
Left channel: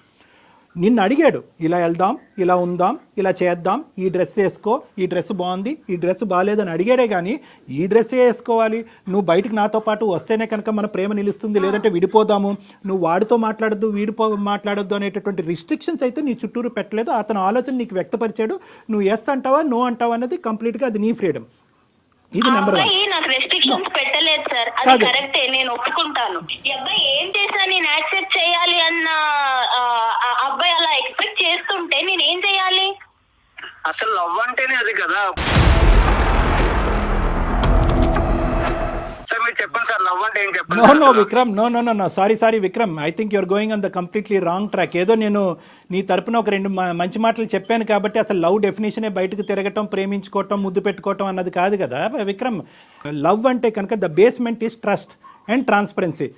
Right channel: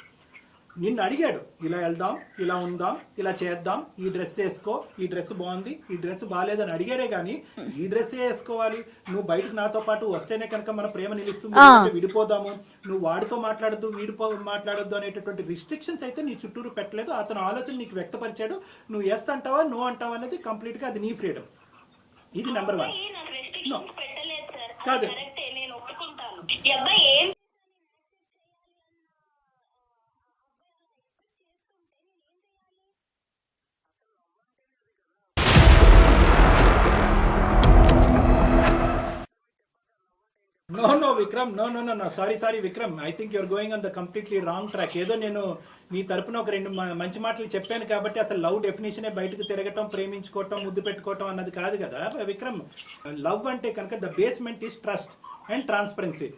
నిన్ను అడిగాడు, ఇలా వెళ్దాం, ఇలా ఉందాం, ఇలా చేద్దాం, ఈ డ్రెస్ వేసుకో, ఈ డ్రెస్ బాగుంది, ఈ డ్రెస్ బాగాలేదని అడిగాడే కానీ ఈ డ్రెస్ వేసుకోవాలి, నువ్వు బయటకు నాతో పాటు వస్తేనే కనుక మన ప్రేమ నిలుస్తుంది, లేదంటే విడిపోదాము, నువ్వు వాడితో మాట్లాడద్దు, మాట్లాడొద్దు అనేటటువంటి రిస్ట్రిక్షన్స్ అయితే నీ చుట్టూరు పెట్టలేదు. అతను ఆలోచన నీకు వ్యక్తపరిచాడు. నువ్వు ఎస్ అంటావా, నో అంటావా అనేది కంప్లీట్గా అది నీ ఫ్రీడమ్. ఇది నెంబర్ 1. నాకు రెస్ట్రిక్షన్స్ పెట్టలేదు సార్, అది కరెక్టే, నేను ఒప్పుకుంటాను. ఈ అబ్బాయి ఏం చేసినా నేను యాక్సెప్ట్ చేయాలి అన్న అబ్బాయి అలా ఎక్స్పెక్ట్ చేస్తుంటే నేను ఏం చేయాలి? అసలు లవ్ అంటేనే అది కదా సార్. మీరు చెప్పండి సార్, లవ్ అంటే ఏం చెప్పండి. No Vikram, no sorry Vikram, I think you're going on the completely wrong track. ఏదో నేను నీ తరపున ఒక 2 మంచి మాటలు చెప్పాను కాబట్టి అసలు లవ్ డెఫినేషనే బయటకు తిరగటం, ప్రేమించుకోవటం, ముద్దు పెట్టుకోవటం అన్నది కాదు కదా విక్రమ్. లవ్ అంటే కనుక the basement is trust and transparency.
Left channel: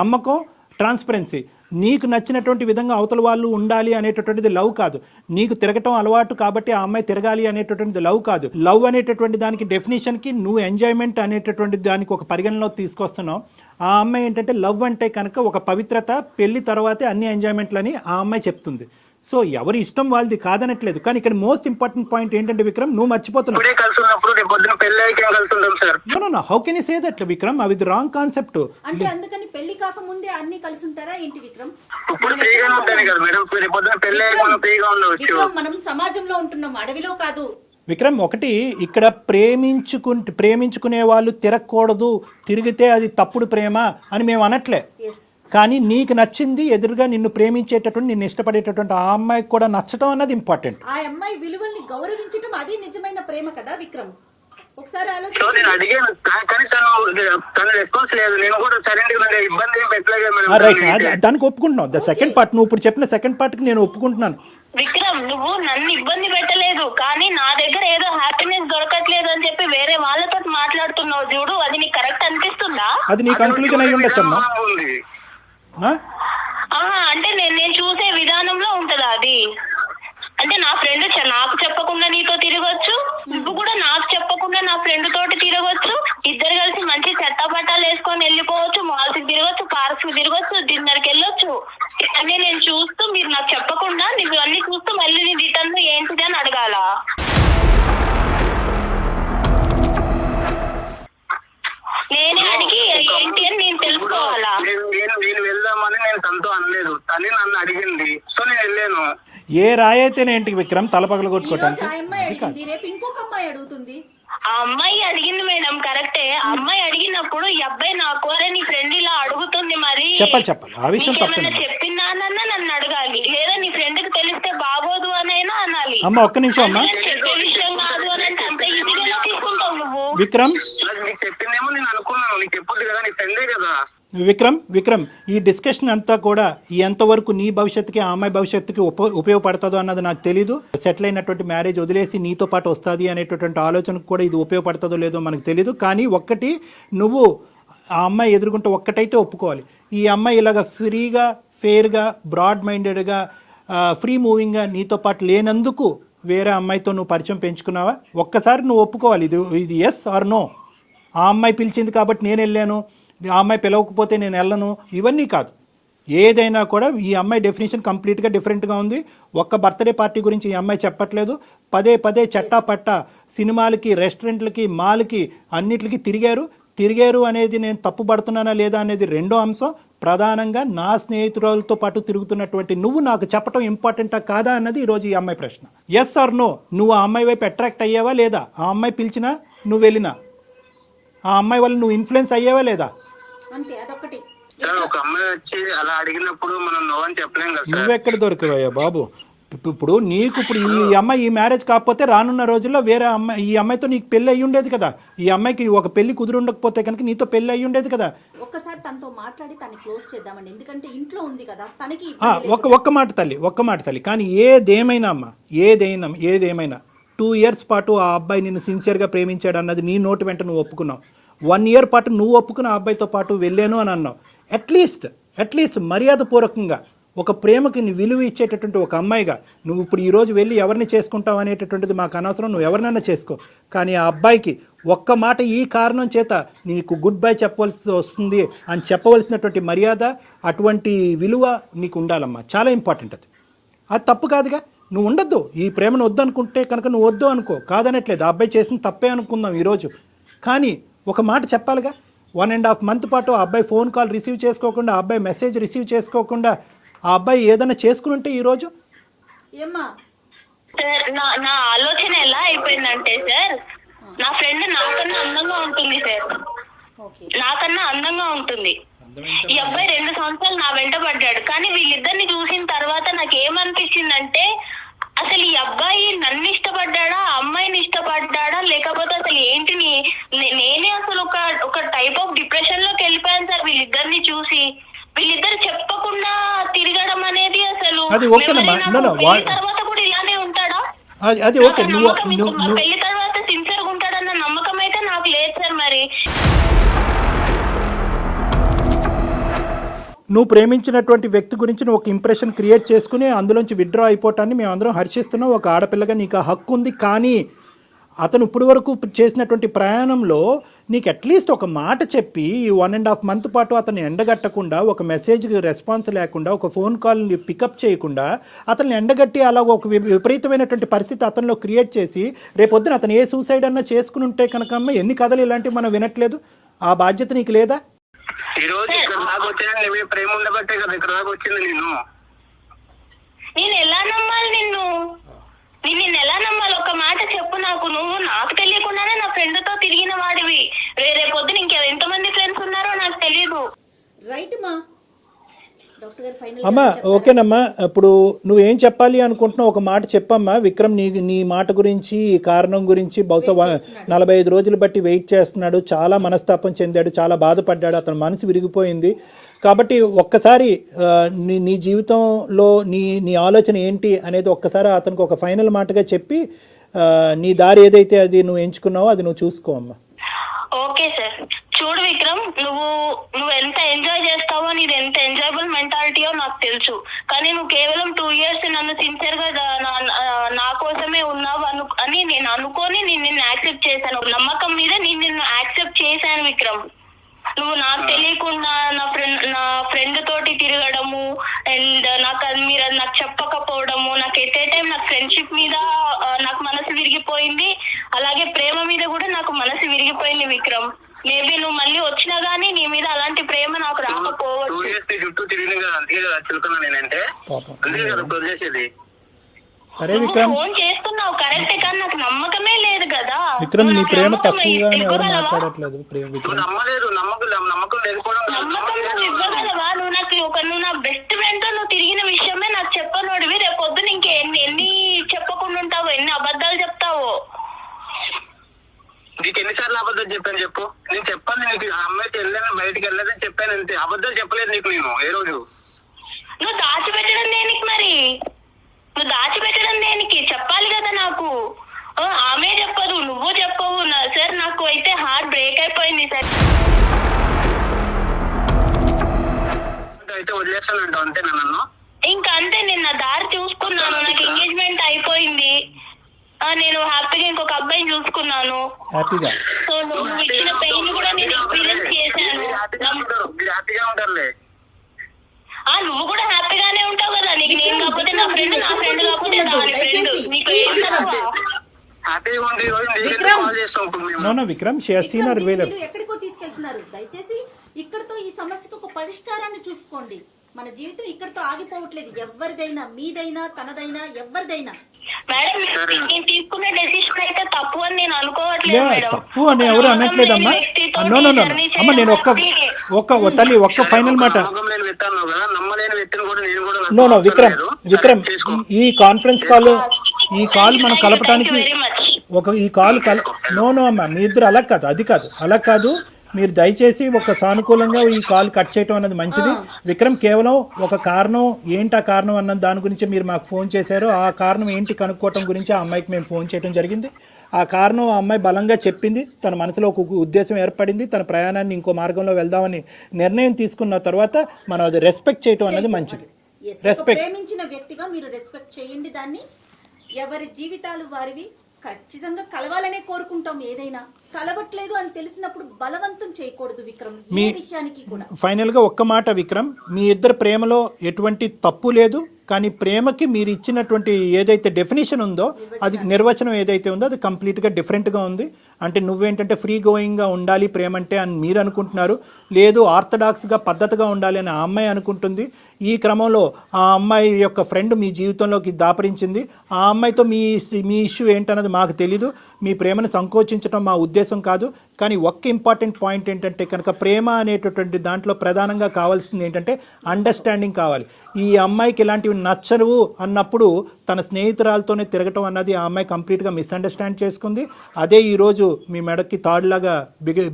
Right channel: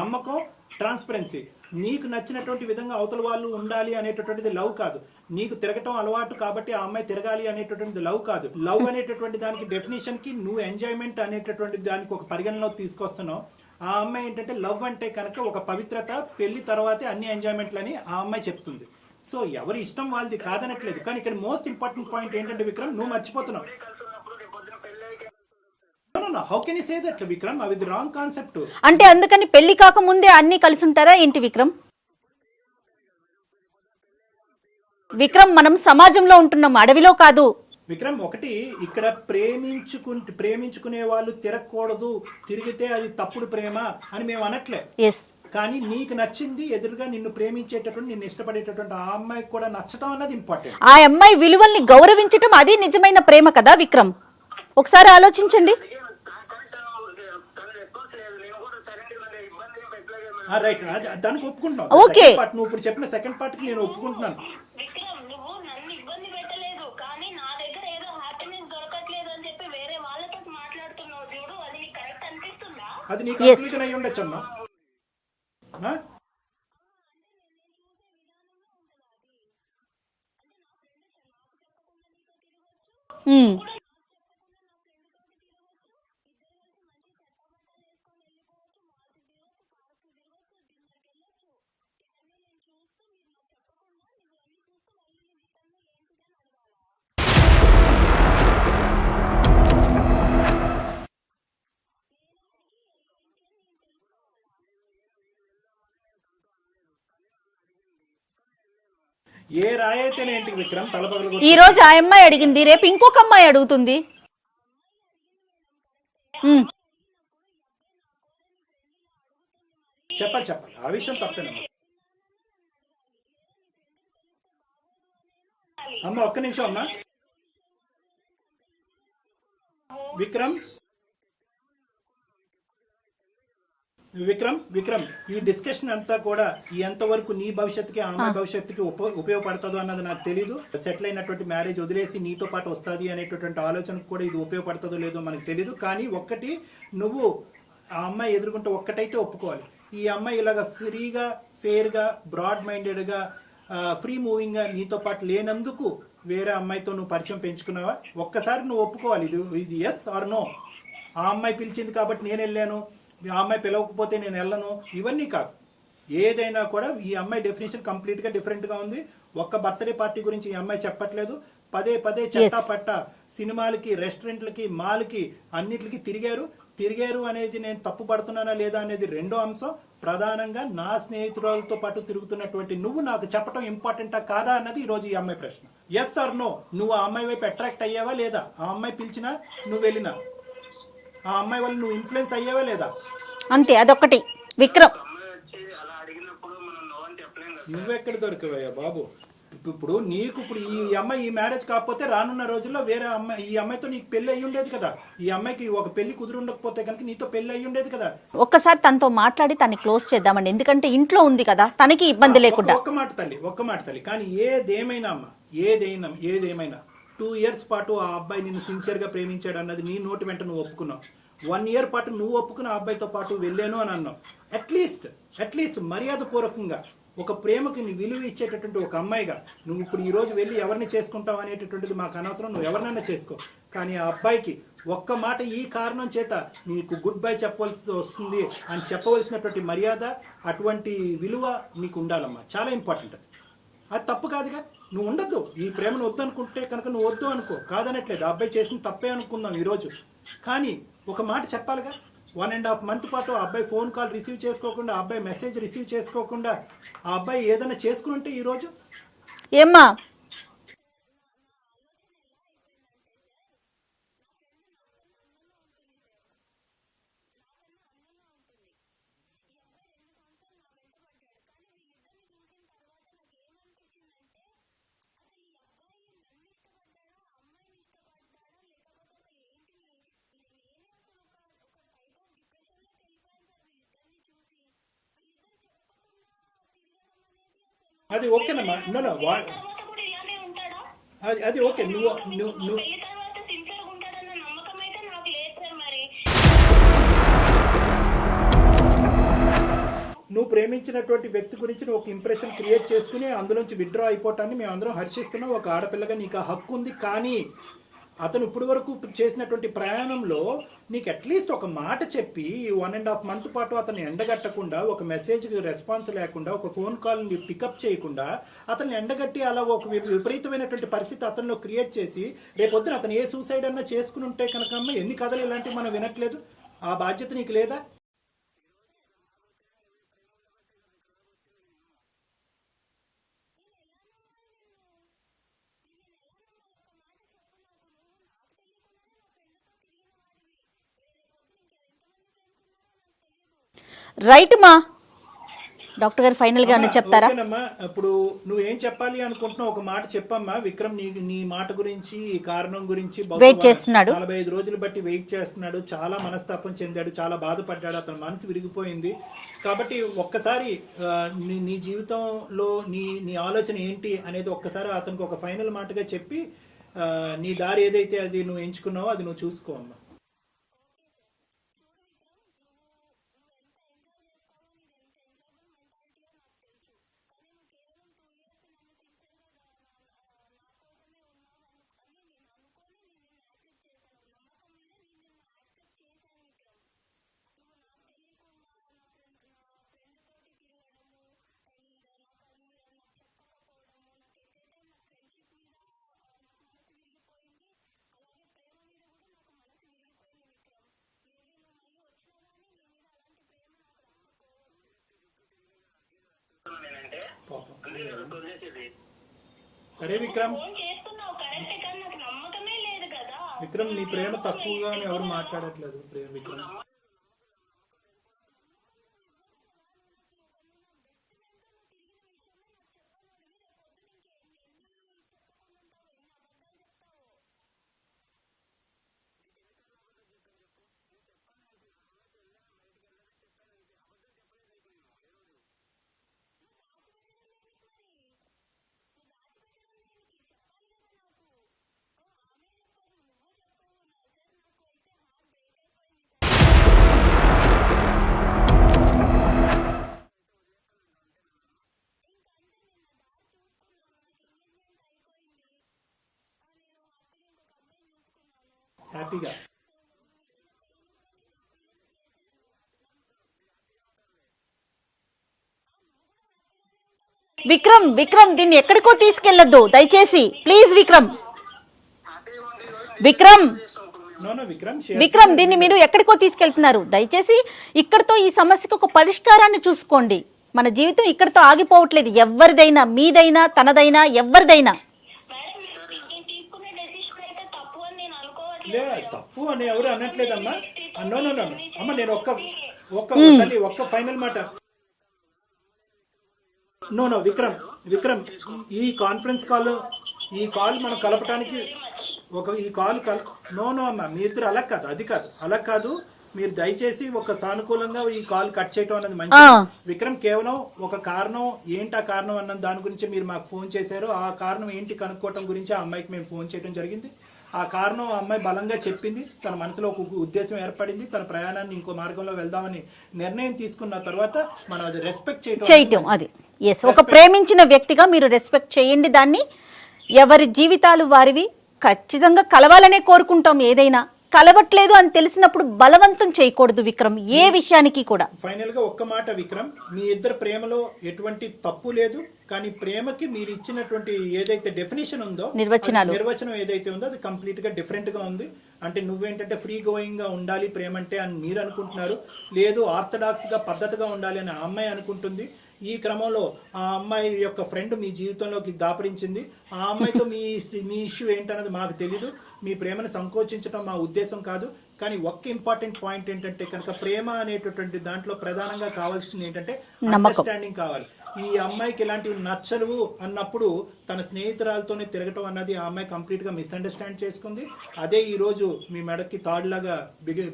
నమ్మకం, ట్రాన్స్పరెన్సీ. నీకు నచ్చినటువంటి విధంగా అవతల వాళ్ళు ఉండాలి అనేటటువంటిది లవ్ కాదు. నీకు తిరగటం అలవాటు కాబట్టి ఆ అమ్మాయి తిరగాలి అనేటటువంటిది లవ్ కాదు. లవ్ అనేటటువంటి దానికి డెఫినేషన్కి నువ్వు ఎంజాయ్మెంట్ అనేటటువంటి దానికి ఒక పరిగణలో తీసుకొస్తున్నావు. ఆ అమ్మాయి ఏంటంటే లవ్ అంటే కనుక ఒక పవిత్రత, పెళ్లి తర్వాతే అన్ని ఎంజాయ్మెంట్లని ఆ అమ్మాయి చెప్తుంది. సో ఎవరి ఇష్టం వాళ్ళది కాదనట్లేదు. కానీ ఇక్కడ మోస్ట్ ఇంపార్టెంట్ పాయింట్ ఏంటంటే విక్రమ్, నువ్వు మర్చిపోతున్నావు. How can you say that Vikram? అది రాంగ్ కాన్సెప్ట్. అంటే అందుకని పెళ్లి కాక ముందే అన్ని కలిసి ఉంటారా ఏంటి విక్రమ్? విక్రమ్, మనం సమాజంలో ఉంటున్నాం, అడవిలో కాదు. విక్రమ్, ఒకటి ఇక్కడ ప్రేమించుకునే వాళ్ళు తిరగకూడదు, తిరిగితే అది తప్పుడు ప్రేమ అని మేము అనట్లే. కానీ నీకు నచ్చింది, ఎదురుగా నిన్ను ప్రేమించేటటువంటి, నిన్ను ఇష్టపడేటటువంటి ఆ అమ్మాయికి కూడా నచ్చటం అన్నది ఇంపార్టెంట్. ఆ అమ్మాయి విలువల్ని గౌరవించటం అది నిజమైన ప్రేమ కదా విక్రమ్. ఒకసారి ఆలోచించండి. దానికి ఒప్పుకుంటున్నావు. సెకండ్ పార్ట్, నువ్వు ఇప్పుడు చెప్పిన సెకండ్ పార్ట్ కి నేను ఒప్పుకుంటున్నాను. విక్రమ్, నువ్వు నన్ను ఇబ్బంది పెట్టలేదు, కానీ నా దగ్గర ఏదో హ్యాపీనెస్ దొరకట్లేదు అని చెప్పి వేరే వాళ్ళతో మాట్లాడుతున్నావు చూడు, అది నీకు కరెక్ట్ అనిపిస్తుందా? అది నీ కన్క్లూజన్ అయి ఉండొచ్చు అమ్మా. అంటే నేను చూసే విధానంలో ఉంటదా అది? అంటే నా ఫ్రెండ్ నాకు చెప్పకుండా నీతో తిరగొచ్చు, నువ్వు కూడా నాకు చెప్పకుండా నా ఫ్రెండ్ తోటి తిరగొచ్చు, ఇద్దరు కలిసి మంచి చెత్తపట్టాలు వేసుకొని వెళ్ళిపోవచ్చు, మాల్స్ కి తిరగొచ్చు, పార్క్స్ కి తిరగొచ్చు, డిన్నర్ కి వెళ్ళొచ్చు. అన్నీ నేను చూస్తూ, మీరు నాకు చెప్పకుండా నువ్వు అన్ని చూస్తూ మళ్ళీ నీ రిటర్న్ లో ఏంటిది అని అడగాల? నేనే అడిగి ఏంటి అని నేను తెలుసుకోవాలా? నేను వెళ్దామని నేను తనతో అనలేదు, తనే నన్ను అడిగింది, సో నేను వెళ్ళాను. ఏ రాయైతేనేంటి విక్రమ్ తలపగల ఈ రోజు ఆ అమ్మాయి అడిగింది, రేపు ఇంకొక అమ్మాయి అడుగుతుంది. ఆ అమ్మాయి అడిగింది మేడం, కరెక్టే. ఆ అమ్మాయి అడిగినప్పుడు ఈ అబ్బాయి నాకు నీ ఫ్రెండ్ ఇలా అడుగుతుంది, మరి చెప్పాలి ఆ విషయం చెప్పినానన్నా నన్ను అడగాలి, లేదా నీ ఫ్రెండ్ కి తెలిస్తే బాగోదు అనైనా అనాలి. అమ్మ ఒక్క నిమిషం అమ్మా, చెప్పే విషయం కాదు అని అంటే అంత విక్రమ్ నాకు నీకు చెప్పిందేమో నేను అనుకున్నాను, నీకు చెప్పొద్దు కదా, నీ ఫ్రెండే కదా. విక్రమ్ ఈ డిస్కషన్ అంతా కూడా ఎంతవరకు నీ భవిష్యత్తుకి ఆ అమ్మాయి భవిష్యత్తుకి ఉపయోగపడుతుందో అన్నది నాకు తెలీదు. సెటిల్ అయినటువంటి మ్యారేజ్ వదిలేసి నీతో పాటు వస్తుంది అనేటటువంటి ఆలోచనకు కూడా ఇది ఉపయోగపడుతుందో లేదో మనకు తెలీదు. కానీ ఒక్కటి, నువ్వు ఆ అమ్మాయి ఎదుర్కొంటే ఒక్కటైతే ఒప్పుకోవాలి, ఈ అమ్మాయి ఇలాగ ఫ్రీగా, ఫెయిర్గా, బ్రాడ్ మైండెడ్గా, ఫ్రీ మూవింగ్గా నీతో పాటు లేనందుకు వేరే అమ్మాయితో నువ్వు పరిచయం పెంచుకున్నావా? ఒక్కసారి నువ్వు ఒప్పుకోవాలి, ఇది ఎస్ ఆర్ నో. ఆ అమ్మాయి పిలిచింది కాబట్టి నేను వెళ్ళాను, ఆ అమ్మాయి పిలవకపోతే నేను వెళ్ళను, ఇవన్నీ కాదు. ఏదైనా కూడా ఈ అమ్మాయి డెఫినేషన్ కంప్లీట్గా డిఫరెంట్గా ఉంది. ఒక్క బర్త్డే పార్టీ గురించి ఈ అమ్మాయి చెప్పట్లేదు. పదే చట్టా పట్టా సినిమాలకి, రెస్టారెంట్లకి, మాల్కి, అన్నిటికి తిరిగారు అనేది నేను తప్పుపడుతున్నానా లేదా అనేది రెండో అంశం. ప్రధానంగా నా స్నేహితురాలతో పాటు తిరుగుతున్నటువంటి నువ్వు నాకు చెప్పడం ఇంపార్టెంటా కాదా అన్నది ఈరోజు ఈ అమ్మాయి ప్రశ్న. ఎస్ ఆర్ నో, నువ్వు ఆ అమ్మాయి వైపు అట్రాక్ట్ అయ్యావా లేదా? ఆ అమ్మాయి పిలిచినా నువ్వు వెళ్ళినా ఆ అమ్మాయి వల్ల నువ్వు ఇన్ఫ్లుయెన్స్ అయ్యావా లేదా? అంతే, అదొక్కటి. విక్రమ్, ఒక అమ్మాయి వచ్చి అలా అడిగినప్పుడు మనం నో అని చెప్పలేం కదా సార్. నువ్వెక్కడ దొరికావయ్యా బాబు? ఇప్పుడు ఈ అమ్మాయి ఈ మ్యారేజ్ కాకపోతే రానున్న రోజుల్లో వేరే అమ్మాయి, ఈ అమ్మాయితో నీకు పెళ్లి అయ్యి ఉండేది కదా. ఈ అమ్మాయికి ఒక పెళ్లి కుదురు ఉండకపోతే కనుక నీతో పెళ్లి అయ్యి ఉండేది కదా. ఒక్కసారి తనతో మాట్లాడి తనని క్లోజ్ చేద్దామండి, ఎందుకంటే ఇంట్లో ఉంది కదా, తనకి ఇబ్బంది లేకుండా. ఒక్క మాట తల్లి, కానీ ఏదేమైనా అమ్మా, ఏదేమైనా 2 years పాటు ఆ అబ్బాయి నిన్ను సిన్సియర్గా ప్రేమించాడు అన్నది నీ నోటి వెంట నువ్వు ఒప్పుకున్నావు. 1 year పాటు నువ్వు ఒప్పుకున్న ఆ అబ్బాయితో పాటు వెళ్ళాను అని అన్నావు. అట్లీస్ట్ మర్యాదపూర్వకంగా ఒక ప్రేమకి నీ విలువ ఇచ్చేటటువంటి ఒక అమ్మాయిగా నువ్వు ఇప్పుడు ఈరోజు వెళ్ళి ఎవరిని చేసుకుంటావు అనేటటువంటిది మాకు అనవసరం, నువ్వు ఎవరినైనా చేసుకో. కానీ ఆ అబ్బాయికి ఒక్క మాట ఈ కారణం చేత నీకు గుడ్ బై చెప్పవలసి వస్తుంది అని చెప్పవలసినటువంటి మర్యాద, అటువంటి విలువ నీకు ఉండాలమ్మా. చాలా ఇంపార్టెంట్ అది తప్పు కాదుగా. నువ్వు ఉండొద్దు, ఈ ప్రేమను వద్దు అనుకుంటే కనుక నువ్వు వద్దు అనుకో, కాదనట్లేదు. ఆ అబ్బాయి చేసిన తప్పే అనుకుందాం ఈరోజు, కానీ ఒక మాట చెప్పాలిగా. 1.5 month పాటు ఆ అబ్బాయి ఫోన్ కాల్ రిసీవ్ చేసుకోకుండా, ఆ అబ్బాయి మెసేజ్ రిసీవ్ చేసుకోకుండా ఆ అబ్బాయి ఏదైనా చేసుకుని ఉంటే ఈరోజు ఏమ్మా? సార్ నా ఆలోచన ఎలా అయిపోయిందంటే సార్, నా ఫ్రెండ్ నాకన్నా అందంగా ఉంటుంది సార్, నాకన్నా అందంగా ఉంటుంది. ఈ అబ్బాయి 2 సంవత్సరాలు నా వెంట పడ్డాడు. కానీ వీళ్ళిద్దరిని చూసిన తర్వాత నాకు ఏమనిపించిందంటే, అసలు ఈ అబ్బాయి నన్ను ఇష్టపడ్డాడా, అమ్మాయిని ఇష్టపడ్డాడా, లేకపోతే అసలు ఏంటి, నేనే అసలు ఒక టైప్ ఆఫ్ డిప్రెషన్ లోకి వెళ్ళిపోయాను సార్ వీళ్ళిద్దరిని చూసి. వీళ్ళిద్దరు చెప్పకుండా తిరగడం అనేది అసలు తర్వాత కూడా ఇలానే ఉంటాడా? పెళ్లి తర్వాత సిన్సియర్ గా ఉంటాడన్న నమ్మకం అయితే నాకు లేదు సార్. మరి నువ్వు ప్రేమించినటువంటి వ్యక్తి గురించి నువ్వు ఒక ఇంప్రెషన్ క్రియేట్ చేసుకుని అందులోంచి విత్డ్రా అయిపోవటాన్ని మేము అందరం హర్షిస్తున్నాం. ఒక ఆడపిల్లగా నీకు ఆ హక్కు ఉంది. కానీ అతను ఇప్పటి వరకు చేసినటువంటి ప్రయాణంలో నీకు అట్లీస్ట్ ఒక మాట చెప్పి 1.5 month పాటు అతన్ని ఎండగట్టకుండా, ఒక మెసేజ్కి రెస్పాన్స్ లేకుండా, ఒక ఫోన్ కాల్ని పికప్ చేయకుండా అతన్ని ఎండగట్టి అలా ఒక విపరీతమైనటువంటి పరిస్థితి అతనిలో క్రియేట్ చేసి రేపొద్దున అతను ఏ సూసైడ్ అన్నా చేసుకుని ఉంటే కనుక ఎన్ని కథలు ఇలాంటివి మనం వినట్లేదు. ఆ బాధ్యత నీకు లేదా? ఈ రోజు ఇక్కడ దాకా వచ్చినా నువ్వే ప్రేమ ఉండబట్టే కదా ఇక్కడ దాకా వచ్చింది. నేను ఎలా నమ్మాలి నిన్ను ఎలా నమ్మాలి? ఒక మాట చెప్పు నాకు. నువ్వు నాకు తెలియకుండానే నా ఫ్రెండ్ తో తిరిగిన వాడివి. రేరే పొద్దున ఎంతమంది ఫ్రెండ్స్ ఉన్నారో నాకు తెలియదు. రైట్ మా డాక్టర్ గారు ఫైనల్ గా చెప్తారా? ఓకేనమ్మా, ఇప్పుడు నువ్వేం చెప్పాలి అనుకుంటున్నావు ఒక మాట చెప్పమ్మా. విక్రమ్ నీ మాట గురించి, ఈ కారణం గురించి బహుశా 45 రోజులు బట్టి వెయిట్ చేస్తున్నాడు. చాలా మనస్తాపం చెందాడు, చాలా బాధపడ్డాడు, అతని మనసు విరిగిపోయింది. కాబట్టి ఒక్కసారి నీ జీవితంలో నీ ఆలోచన ఏంటి అనేది ఒక్కసారి అతనికి ఒక ఫైనల్ మాటగా చెప్పి నీ దారి ఏదైతే అది నువ్వు ఎంచుకున్నావో అది నువ్వు చూసుకో అమ్మా. Okay sir. చూడు విక్రమ్, నువ్వు ఎంత ఎంజాయ్ చేస్తావో, నీది ఎంత ఎంజాయబుల్ మెంటాలిటీయో నాకు తెలుసు. కానీ నువ్వు కేవలం 2 years నన్ను సిన్సియర్ గా నా కోసమే ఉన్నావు అని నేను అనుకొని నిన్ను యాక్సెప్ట్ చేశాను. నమ్మకం మీద నిన్ను యాక్సెప్ట్ చేశాను విక్రమ్. నువ్వు నాకు తెలియకుండా నా ఫ్రెండ్ తోటి తిరగడము అండ్ మీరు నాకు చెప్పకపోవడము, నాకు ఎట్ ఏ టైం నాకు ఫ్రెండ్షిప్ మీద నాకు మనసు విరిగిపోయింది, అలాగే ప్రేమ మీద కూడా నాకు మనసు విరిగిపోయింది విక్రమ్. మేబీ నువ్వు మళ్ళీ వచ్చినా గానీ నీ మీద అలాంటి ప్రేమ నాకు రాకపోవచ్చు. సరే విక్రమ్, ఫోన్ చేస్తున్నావు కరెక్టే, కానీ నాకు నమ్మకమే లేదు కదా. విక్రమ్, నీ ప్రేమ తక్కువగా ఎవరు మాట్లాడట్లేదు. నమ్మకం నువ్వు ఇవ్వగలవా? నువ్వు నా బెస్ట్ ఫ్రెండ్ తో నువ్వు తిరిగిన విషయమే నాకు చెప్పనోడివి. రేపు పొద్దున ఎన్ని చెప్పకుండా ఉంటావో, ఎన్ని అబద్ధాలు చెప్తావో. నీకు ఎన్నిసార్లు అబద్ధాలు చెప్పాను చెప్పు. నేను చెప్పాను నీకు, ఆ అమ్మాయితో వెళ్ళాను, బయటికి వెళ్ళలేదని చెప్పాను అంతే. అబద్ధాలు చెప్పలేదు నీకు నేను ఏ రోజు. నువ్వు దాచిపెట్టడం దేనికి మరి? నువ్వు దాచిపెట్టడం దేనికి? చెప్పాలి కదా నాకు. ఆమె చెప్పదు, నువ్వు చెప్పవు. సార్ నాకు అయితే హార్ట్ బ్రేక్ అయిపోయింది సార్. అయితే వదిలేస్తానంటావు అంతే నన్ను? ఇంకా అంతే, నేను నా దారి చూసుకున్నాను. నాకు ఎంగేజ్మెంట్ అయిపోయింది. నేను హ్యాపీగా ఇంకొక అబ్బాయిని చూసుకున్నాను. హ్యాపీగా సో నువ్వు ఇచ్చిన పెయిన్ కూడా నేను ఎక్స్పీరియన్స్ చేశాను. హ్యాపీగా ఉంటారులే. నువ్వు కూడా హ్యాపీగానే ఉంటావు కదా. విక్రమ్ దీన్ని ఎక్కడికో తీసుకెళ్లొద్దు దయచేసి, ప్లీజ్ విక్రమ్. హ్యాపీగా ఉంది. విక్రమ్! విక్రమ్ దీన్ని మీరు ఎక్కడికో తీసుకెళ్తున్నారు. దయచేసి ఇక్కడితో ఈ సమస్యకు ఒక పరిష్కారాన్ని చూసుకోండి. మన జీవితం ఇక్కడితో ఆగిపోవట్లేదు. ఎవరిదైనా, మీదైనా, తనదైనా, ఎవరిదైనా. మేడం, నేను తీసుకున్న డెసిషన్ అయితే తప్పు అని నేను అనుకోవట్లేదు మేడం. తప్పు అని ఎవరు అనట్లేదమ్మా. నో అమ్మ, నేను ఒక్క తల్లి ఒక్క ఫైనల్ మాట. నో విక్రమ్ ఈ కాన్ఫరెన్స్ కాల్ మనం కలపడానికి నో అమ్మా, మీ ఇద్దరు అలా కాదు. మీరు దయచేసి ఒక సానుకూలంగా ఈ కాల్ కట్ చేయటం అన్నది మంచిది. విక్రమ్ కేవలం ఒక కారణం ఏంటి, ఆ కారణం అన్న దాని గురించి మీరు మాకు ఫోన్ చేశారు. ఆ కారణం ఏంటి కనుక్కోవటం గురించి ఆ అమ్మాయికి మేము ఫోన్ చేయడం జరిగింది. ఆ కారణం ఆ అమ్మాయి బలంగా చెప్పింది. తన మనసులో ఒక ఉద్దేశం ఏర్పడింది. తన ప్రయాణాన్ని ఇంకో మార్గంలో వెళ్దామని నిర్ణయం తీసుకున్న తర్వాత మనం అది రెస్పెక్ట్ చేయటం అది ఒక ప్రేమించిన వ్యక్తిగా మీరు రెస్పెక్ట్ చేయండి దాన్ని. ఎవరి జీవితాలు వారివి. ఖచ్చితంగా కలవాలనే కోరుకుంటాం. ఏదైనా కలవట్లేదు అని తెలిసినప్పుడు బలవంతం చేయకూడదు విక్రమ్, ఏ విషయానికి కూడా. ఫైనల్ గా ఒక్క మాట విక్రమ్, మీ ఇద్దరు ప్రేమలో ఎటువంటి తప్పు లేదు. కానీ ప్రేమకి మీరు ఇచ్చినటువంటి ఏదైతే డెఫినేషన్ ఉందో, నిర్వచనం ఏదైతే ఉందో అది కంప్లీట్ గా డిఫరెంట్ గా ఉంది. అంటే నువ్వేంటంటే ఫ్రీ గోయింగ్ గా ఉండాలి ప్రేమ అంటే అని మీరు అనుకుంటున్నారు. లేదు ఆర్థడాక్స్ గా పద్ధతిగా ఉండాలి అని ఆ అమ్మాయి అనుకుంటుంది. ఈ క్రమంలో ఆ అమ్మాయి యొక్క ఫ్రెండ్ మీ జీవితంలోకి దాపరించింది. ఆ అమ్మాయితో మీ ఇష్యూ ఏంటన్నది మాకు తెలీదు. మీ ప్రేమను సంకోచించడం మా ఉద్దేశం కాదు. కానీ ఒక్క ఇంపార్టెంట్ పాయింట్ ఏంటంటే కనుక ప్రేమ అనేటటువంటి దాంట్లో ప్రధానంగా కావాల్సింది ఏంటంటే అండర్స్టాండింగ్ కావాలి. ఈ అమ్మాయికి ఇలాంటివి నచ్చరు అన్నప్పుడు తన స్నేహితురాలతోనే తిరగటం అన్నది ఆ అమ్మాయి కంప్లీట్గా మిస్అండర్స్టాండ్ చేసుకుంది. అదే ఈరోజు మీ మెడకి తాడులాగా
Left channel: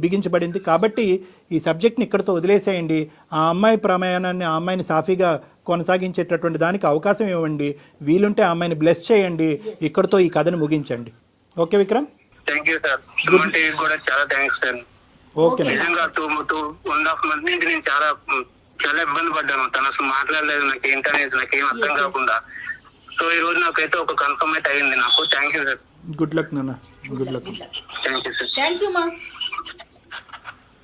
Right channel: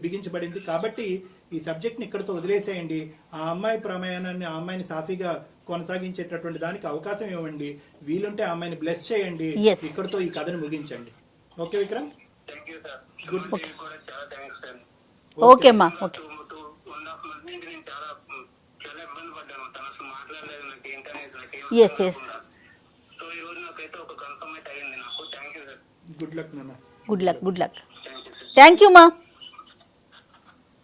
బిగించబడింది. కాబట్టి ఈ సబ్జెక్ట్ని ఇక్కడితో వదిలేసేయండి. ఆ అమ్మాయి ప్రయాణాన్ని, ఆ అమ్మాయిని సాఫీగా కొనసాగించేటటువంటి దానికి అవకాశం ఇవ్వండి. వీలుంటే ఆ అమ్మాయిని బ్లెస్ చేయండి. ఇక్కడితో ఈ కథను ముగించండి. Okay Vikram? Thank you sir. కూడా చాలా థ్యాంక్స్ సార్. ఓకే 2.5 months నుంచి నేను చాలా ఇబ్బంది పడ్డాను. తను అసలు మాట్లాడలేదు, నాకు ఏంటనేది నాకేం అర్థం కాకుండా. సో ఈ రోజు నాకైతే ఒక కన్ఫర్మేట్ అయ్యింది నాకు. Thank you sir. Good luck నాన్న. Good luck. Thank you sir. Thank you మా.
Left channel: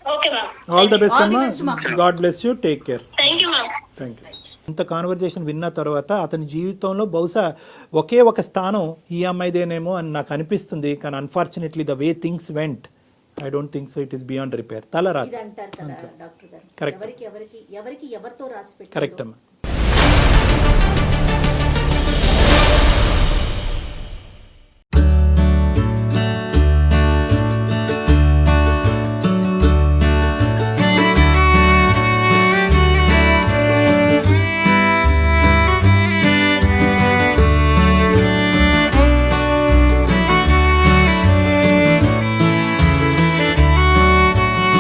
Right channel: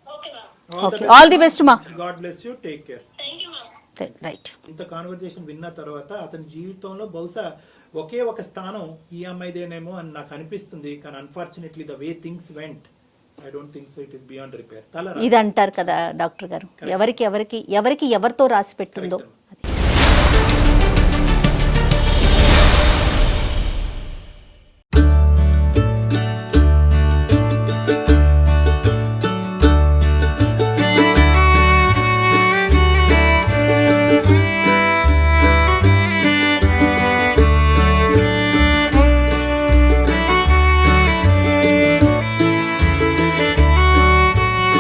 Okay ma'am. All the best మా. God bless you. Take care. Thank you ma'am. Right. ఇంత కాన్వర్జేషన్ విన్న తర్వాత అతని జీవితంలో బహుశా ఒకే ఒక స్థానం ఈ అమ్మాయిదేనేమో అని నాకు అనిపిస్తుంది. కానీ unfortunately the way things vent, I don't think so it is beyond repair. ఇది అంటారు కదా డాక్టర్ గారు, ఎవరికి ఎవరితో రాసి పెట్టారు. కరెక్ట్ అమ్మా.